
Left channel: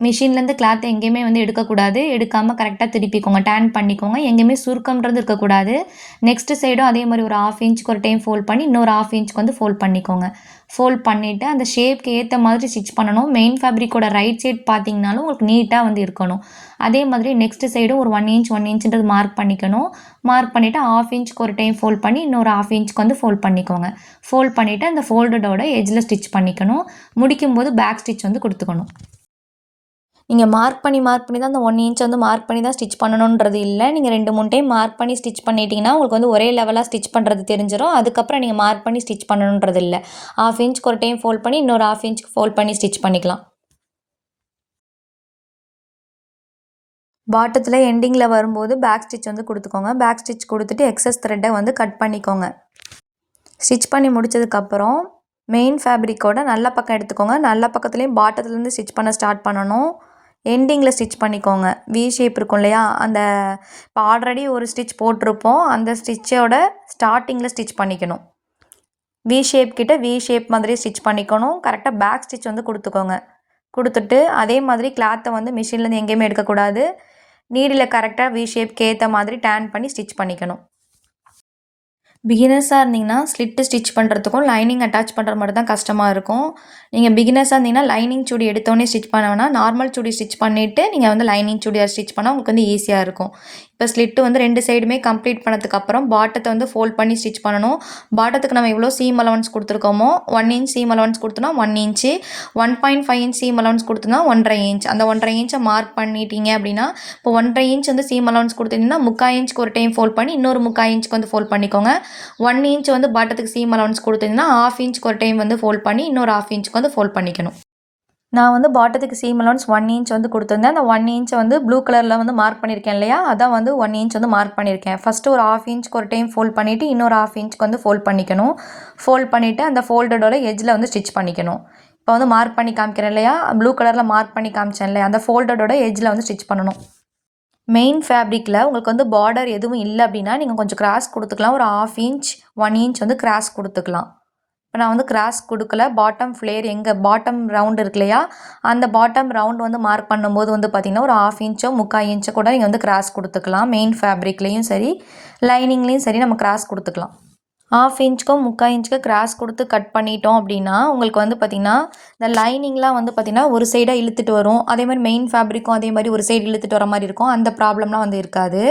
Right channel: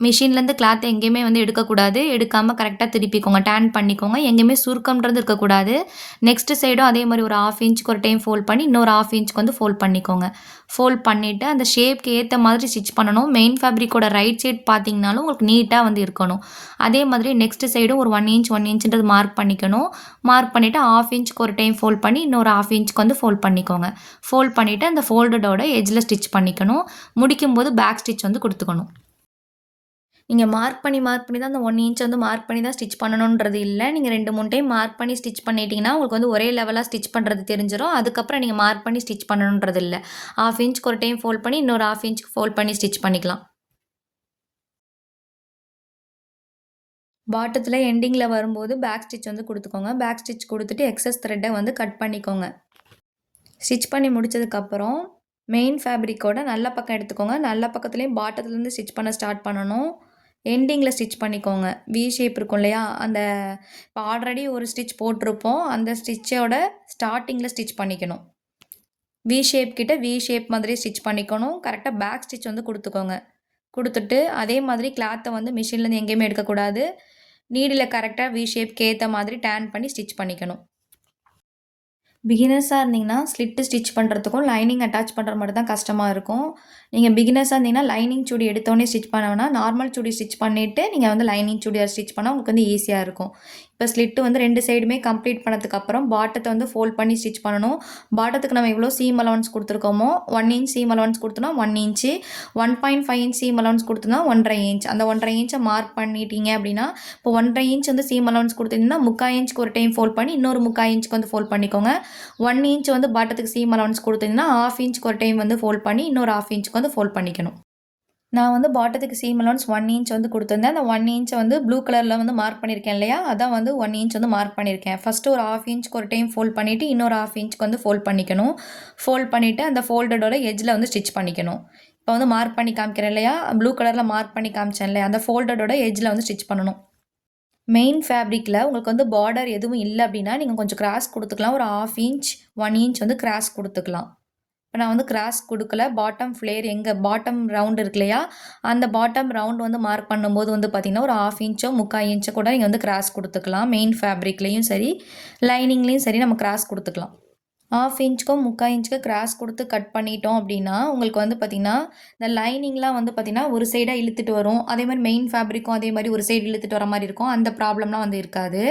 மிஷின்லேருந்து கிளாத்தை எங்கேயுமே வந்து எடுக்கக்கூடாது. எடுக்காமல் கரெக்டாக திருப்பிக்கோங்க. டேன் பண்ணிக்கோங்க. எங்கேயுமே சுருக்கம்ன்றது இருக்கக்கூடாது. நெக்ஸ்ட்டு சைடும் அதே மாதிரி ஒரு 1/2 இன்ச்சுக்கு ஒரு டைம் ஃபோல்ட் பண்ணி இன்னொரு 1/2 இன்ச்சுக்கு வந்து ஃபோல்ட் பண்ணிக்கோங்க. ஃபோல்ட் பண்ணிவிட்டு அந்த ஷேப்க்கு ஏற்ற மாதிரி ஸ்டிச் பண்ணணும். மெயின் ஃபேப்ரிக்கோட ரைட் சைட் பார்த்தீங்கனாலும் உங்களுக்கு நீட்டாக வந்து இருக்கணும். அதே மாதிரி நெக்ஸ்ட்டு சைடும் ஒரு 1 இன்ச்சுன்றது மார்க் பண்ணிக்கணும். மார்க் பண்ணிவிட்டு 1/2 இன்ச்சுக்கு ஒரு டைம் ஃபோல்ட் பண்ணி இன்னொரு 1/2 இன்ச்சுக்கு வந்து ஃபோல்ட் பண்ணிக்கோங்க. ஃபோல்ட் பண்ணிவிட்டு அந்த ஃபோல்டடோட எட்ஜில் ஸ்டிச் பண்ணிக்கணும். முடிக்கும்போது பேக் ஸ்டிச் வந்து கொடுத்துக்கணும். நீங்கள் மார்க் பண்ணி தான் அந்த 1 இன்ச் வந்து மார்க் பண்ணி தான் ஸ்டிச் பண்ணணுன்றது இல்லை. நீங்கள் 2, 3 டைம் மார்க் பண்ணி ஸ்டிச் பண்ணிட்டீங்கன்னா உங்களுக்கு வந்து ஒரே லெவலாக ஸ்டிச் பண்ணுறது தெரிஞ்சிடும். அதுக்கப்புறம் நீங்கள் மார்க் பண்ணி ஸ்டிச் பண்ணணுன்றது இல்லை. 1/2 இன்ச்சுக்கு ஒரு டைம் ஃபோல்ட் பண்ணி இன்னொரு 1/2 இன்ச்சுக்கு ஃபோல்ட் பண்ணி ஸ்டிச் பண்ணிக்கலாம். பாட்டத்தில் எண்டிங்கில் வரும்போது பேக் ஸ்டிச் வந்து கொடுத்துக்கோங்க. பேக் ஸ்டிச் கொடுத்துட்டு எக்ஸஸ் த்ரெட்டை வந்து கட் பண்ணிக்கோங்க. ஸ்டிச் பண்ணி முடித்ததுக்கப்புறம் மெயின் ஃபேப்ரிக்கோட நல்ல பக்கம் எடுத்துக்கோங்க. நல்ல பக்கத்துலேயும் பாட்டத்துலேருந்து ஸ்டிச் பண்ண ஸ்டார்ட் பண்ணணும். எண்டிங்கில் ஸ்டிச் பண்ணிக்கோங்க. வி ஷேப் இருக்கும் இல்லையா, அந்த இப்போ ஆல்ரெடி ஒரு ஸ்டிச் போட்டிருப்போம். அந்த ஸ்டிச்சோட ஸ்டார்டிங்கில் ஸ்டிச் பண்ணிக்கணும். வி ஷேப் கிட்ட வி ஷேப் மாதிரி ஸ்டிச் பண்ணிக்கணும். கரெக்டாக பேக் ஸ்டிச் வந்து கொடுத்துக்கோங்க. கொடுத்துட்டு அதே மாதிரி கிளாத்தை வந்து மிஷின்லேருந்து எங்கேயுமே எடுக்கக்கூடாது. நீடில் கரெக்டாக வி ஷேப்க்கு ஏற்ற மாதிரி டேன் பண்ணி ஸ்டிச் பண்ணிக்கணும். பிகினர்ஸாக இருந்தீங்கன்னா ஸ்லிட்டு ஸ்டிச் பண்ணுறதுக்கும் லைனிங் அட்டாச் பண்ணுற மாதிரி தான் கஷ்டமாக இருக்கும். நீங்கள் பிகினர்ஸாக இருந்தீங்கன்னா லைனிங் சுடி எடுத்தோடனே ஸ்டிச் பண்ண வேணாம். நார்மல் சுடி ஸ்டிச் பண்ணிவிட்டு நீங்கள் வந்து லைனிங் சுடியார் ஸ்டிச் பண்ணால் உங்களுக்கு வந்து ஈஸியாக இருக்கும். இப்போ இப்போ ஸ்லிட்டு வந்து 2 சைடுமே கம்ப்ளீட் பண்ணதுக்கப்புறம் பாட்டத்தை வந்து ஃபோல்ட் பண்ணி ஸ்டிச் பண்ணணும். பாட்டத்துக்கு நம்ம எவ்வளோ சீம் அலவன்ஸ் கொடுத்துருக்கோமோ 1 இன்ச் சீம் அலவன்ஸ் கொடுத்தோன்னா 1 இன்ச்சு, 1.5 இன்ச் சீம் அலவன்ஸ் கொடுத்தோன்னா 1.5 இன்ச். அந்த 1.5 இன்ச்சை மார்க் பண்ணிட்டீங்க அப்படின்னா, இப்போ 1.5 இன்ச் வந்து சீம் அலவன்ஸ் கொடுத்தீங்கன்னா 3/4 இன்ச்சுக்கு ஒரு டைம் ஃபோல்ட் பண்ணி இன்னொரு 3/4 இன்ச்சுக்கு வந்து ஃபோல்ட் பண்ணிக்கோங்க. 1 இன்ச் வந்து பாட்டத்துக்கு சீம் அலவன்ஸ் கொடுத்தீங்கன்னா 1/2 இன்ச்சுக்கு ஒரு டைம் வந்து ஃபோல்ட் பண்ணி இன்னொரு 1/2 இன்ச்சுக்கு வந்து ஃபோல்ட் பண்ணிக்கணும். நான் வந்து பாட்டத்துக்கு சீம் அலவன்ஸ் 1 இன்ச் வந்து கொடுத்துருந்தேன். அந்த 1 இன்ச்சை வந்து ப்ளூ கலரில் வந்து மார்க் பண்ணியிருக்கேன் இல்லையா, அதான் வந்து 1 இன்ச் வந்து மார்க் பண்ணியிருக்கேன். ஃபஸ்ட்டு ஒரு 1/2 இன்ச்சுக்கு ஒரு டைம் ஃபோல்ட் பண்ணிவிட்டு இன்னொரு 1/2 இன்ச்சுக்கு வந்து ஃபோல்ட் பண்ணிக்கணும். ஃபோல்ட் பண்ணிவிட்டு அந்த ஃபோல்டடோட எஜ்ஜில் வந்து ஸ்டிச் பண்ணிக்கணும். இப்போ வந்து மார்க் பண்ணி காமிக்கிறேன் இல்லையா, ப்ளூ கலரில் மார்க் பண்ணி காமிச்சேன் இல்லையா, அந்த ஃபோல்டடோட எஜ்ஜில் வந்து ஸ்டிச் பண்ணணும். மெயின் ஃபேப்ரிக்கில் உங்களுக்கு வந்து பார்டர் எதுவும் இல்லை அப்படின்னா நீங்கள் கொஞ்சம் கிராஸ் கொடுத்துக்கலாம். ஒரு 1/2 இன்ச் 1 இன்ச் வந்து கிராஸ் கொடுத்துக்கலாம். இப்போ நான் வந்து கிராஸ் கொடுக்கல. பாட்டம் ஃப்ளேர் எங்கே பாட்டம் ரவுண்ட் இருக்கு இல்லையா, அந்த பாட்டம் ரவுண்ட் வந்து மார்க் பண்ணும்போது வந்து பார்த்திங்கன்னா ஒரு 1/2 இன்ச்சோ 3/4 இன்ச்சோ கூட நீங்கள் வந்து கிராஸ் கொடுத்துக்கலாம். மெயின் ஃபேப்ரிக்லேயும் சரி லைனிங்லேயும் சரி நம்ம கிராஸ் கொடுத்துக்கலாம். 1/2 இன்ச்சுக்கும் 3/4 இன்ச்சுக்கு கிராஸ் கொடுத்து கட் பண்ணிட்டோம் அப்படின்னா உங்களுக்கு வந்து பார்த்திங்கன்னா இந்த லைனிங்லாம் வந்து பார்த்திங்கன்னா ஒரு சைடாக இழுத்துட்டு வரும். அதே மாதிரி மெயின் ஃபேப்ரிக்கும் அதே மாதிரி ஒரு சைடு இழுத்துட்டு வர மாதிரி இருக்கும். அந்த ப்ராப்ளம்லாம் வந்து இருக்காது.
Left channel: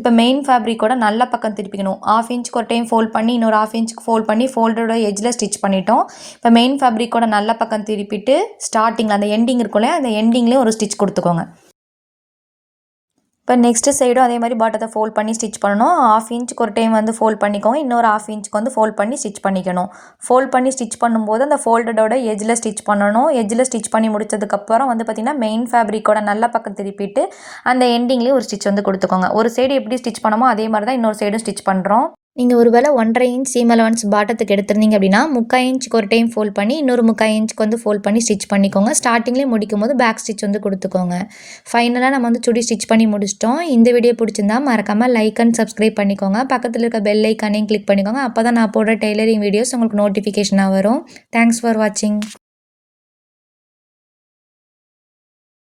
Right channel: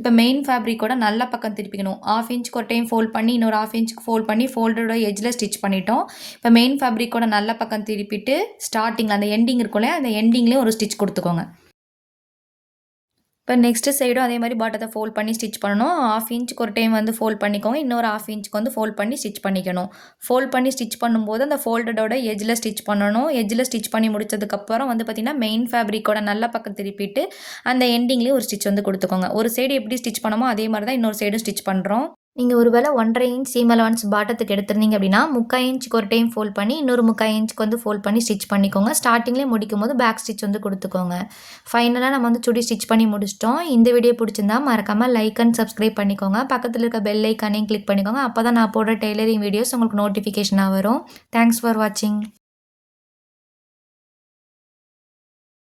இப்போ மெயின் ஃபேப்ரிக்கோட நல்ல பக்கம் திருப்பிக்கணும். 1/2 இன்ச்சுக்கு ஒரு டைம் ஃபோல்ட் பண்ணி இன்னொரு 1/2 இன்ச்சுக்கு ஃபோல்ட் பண்ணி ஃபோல்டரோட எஜ்ஜில் ஸ்டிச் பண்ணிட்டோம். இப்போ மெயின் ஃபேப்ரிக்கோட நல்ல பக்கம் திருப்பிட்டு ஸ்டார்டிங்கில் அந்த எண்டிங் இருக்கும்ல, அந்த எண்டிங்லேயும் ஒரு ஸ்டிச் கொடுத்துக்கோங்க. இப்போ நெக்ஸ்ட்டு சைடும் அதே மாதிரி பாட்டத்தை ஃபோல்ட் பண்ணி ஸ்டிச் பண்ணணும். 1/2 இன்ச்சுக்கு ஒரு டைம் வந்து ஃபோல்ட் பண்ணிக்கோங்க. இன்னொரு 1/2 இன்ச்சுக்கு வந்து ஃபோல்ட் பண்ணி ஸ்டிச் பண்ணிக்கணும். ஃபோல்ட் பண்ணி ஸ்டிச் பண்ணும்போது அந்த ஃபோல்டடோட எஜ்ஜில் ஸ்டிச் பண்ணணும். எஜ்ஜில் ஸ்டிச் பண்ணி முடிச்சதுக்கப்புறம் வந்து பார்த்திங்கன்னா மெயின் ஃபேப்ரிக்கோட நல்ல பக்கம் திருப்பிட்டு அந்த எண்டிங்லேயும் ஒரு ஸ்டிச் வந்து கொடுத்துக்கோங்க. ஒரு சைடு எப்படி ஸ்டிச் பண்ணமோ அதே மாதிரி தான் இன்னொரு சைடும் ஸ்டிச் பண்ணுறோம். நீங்கள் ஒரு வேளை 1.5 இன்ச் சீம் அலவன்ஸ் பாட்டத்துக்கு எடுத்திருந்தீங்க அப்படின்னா 3/4 இன்ச்சுக்கு ஒரு டைம் ஃபோல்ட் பண்ணி இன்னொரு 3/4 இன்ச்சுக்கு வந்து ஃபோல்ட் பண்ணி ஸ்டிச் பண்ணிக்கோங்க. ஸ்டார்டிங்லேயே முடிக்கும் போது பேக் ஸ்டிச் வந்து கொடுத்துக்கோங்க. ஃபைனலாக நம்ம வந்து சுடி ஸ்டிச் பண்ணி முடிச்சிட்டோம். இந்த வீடியோ பிடிச்சிருந்தா மறக்காமல் லைக் அண்ட் சப்ஸ்கிரைப் பண்ணிக்கோங்க. பக்கத்தில் இருக்க பெல் ஐக்கானையும் கிளிக் பண்ணிக்கோங்க. அப்போ தான் நான் போடுற டெய்லரிங் வீடியோஸ் உங்களுக்கு நோட்டிஃபிகேஷனாக வரும். தேங்க்ஸ் ஃபார் வாட்சிங்.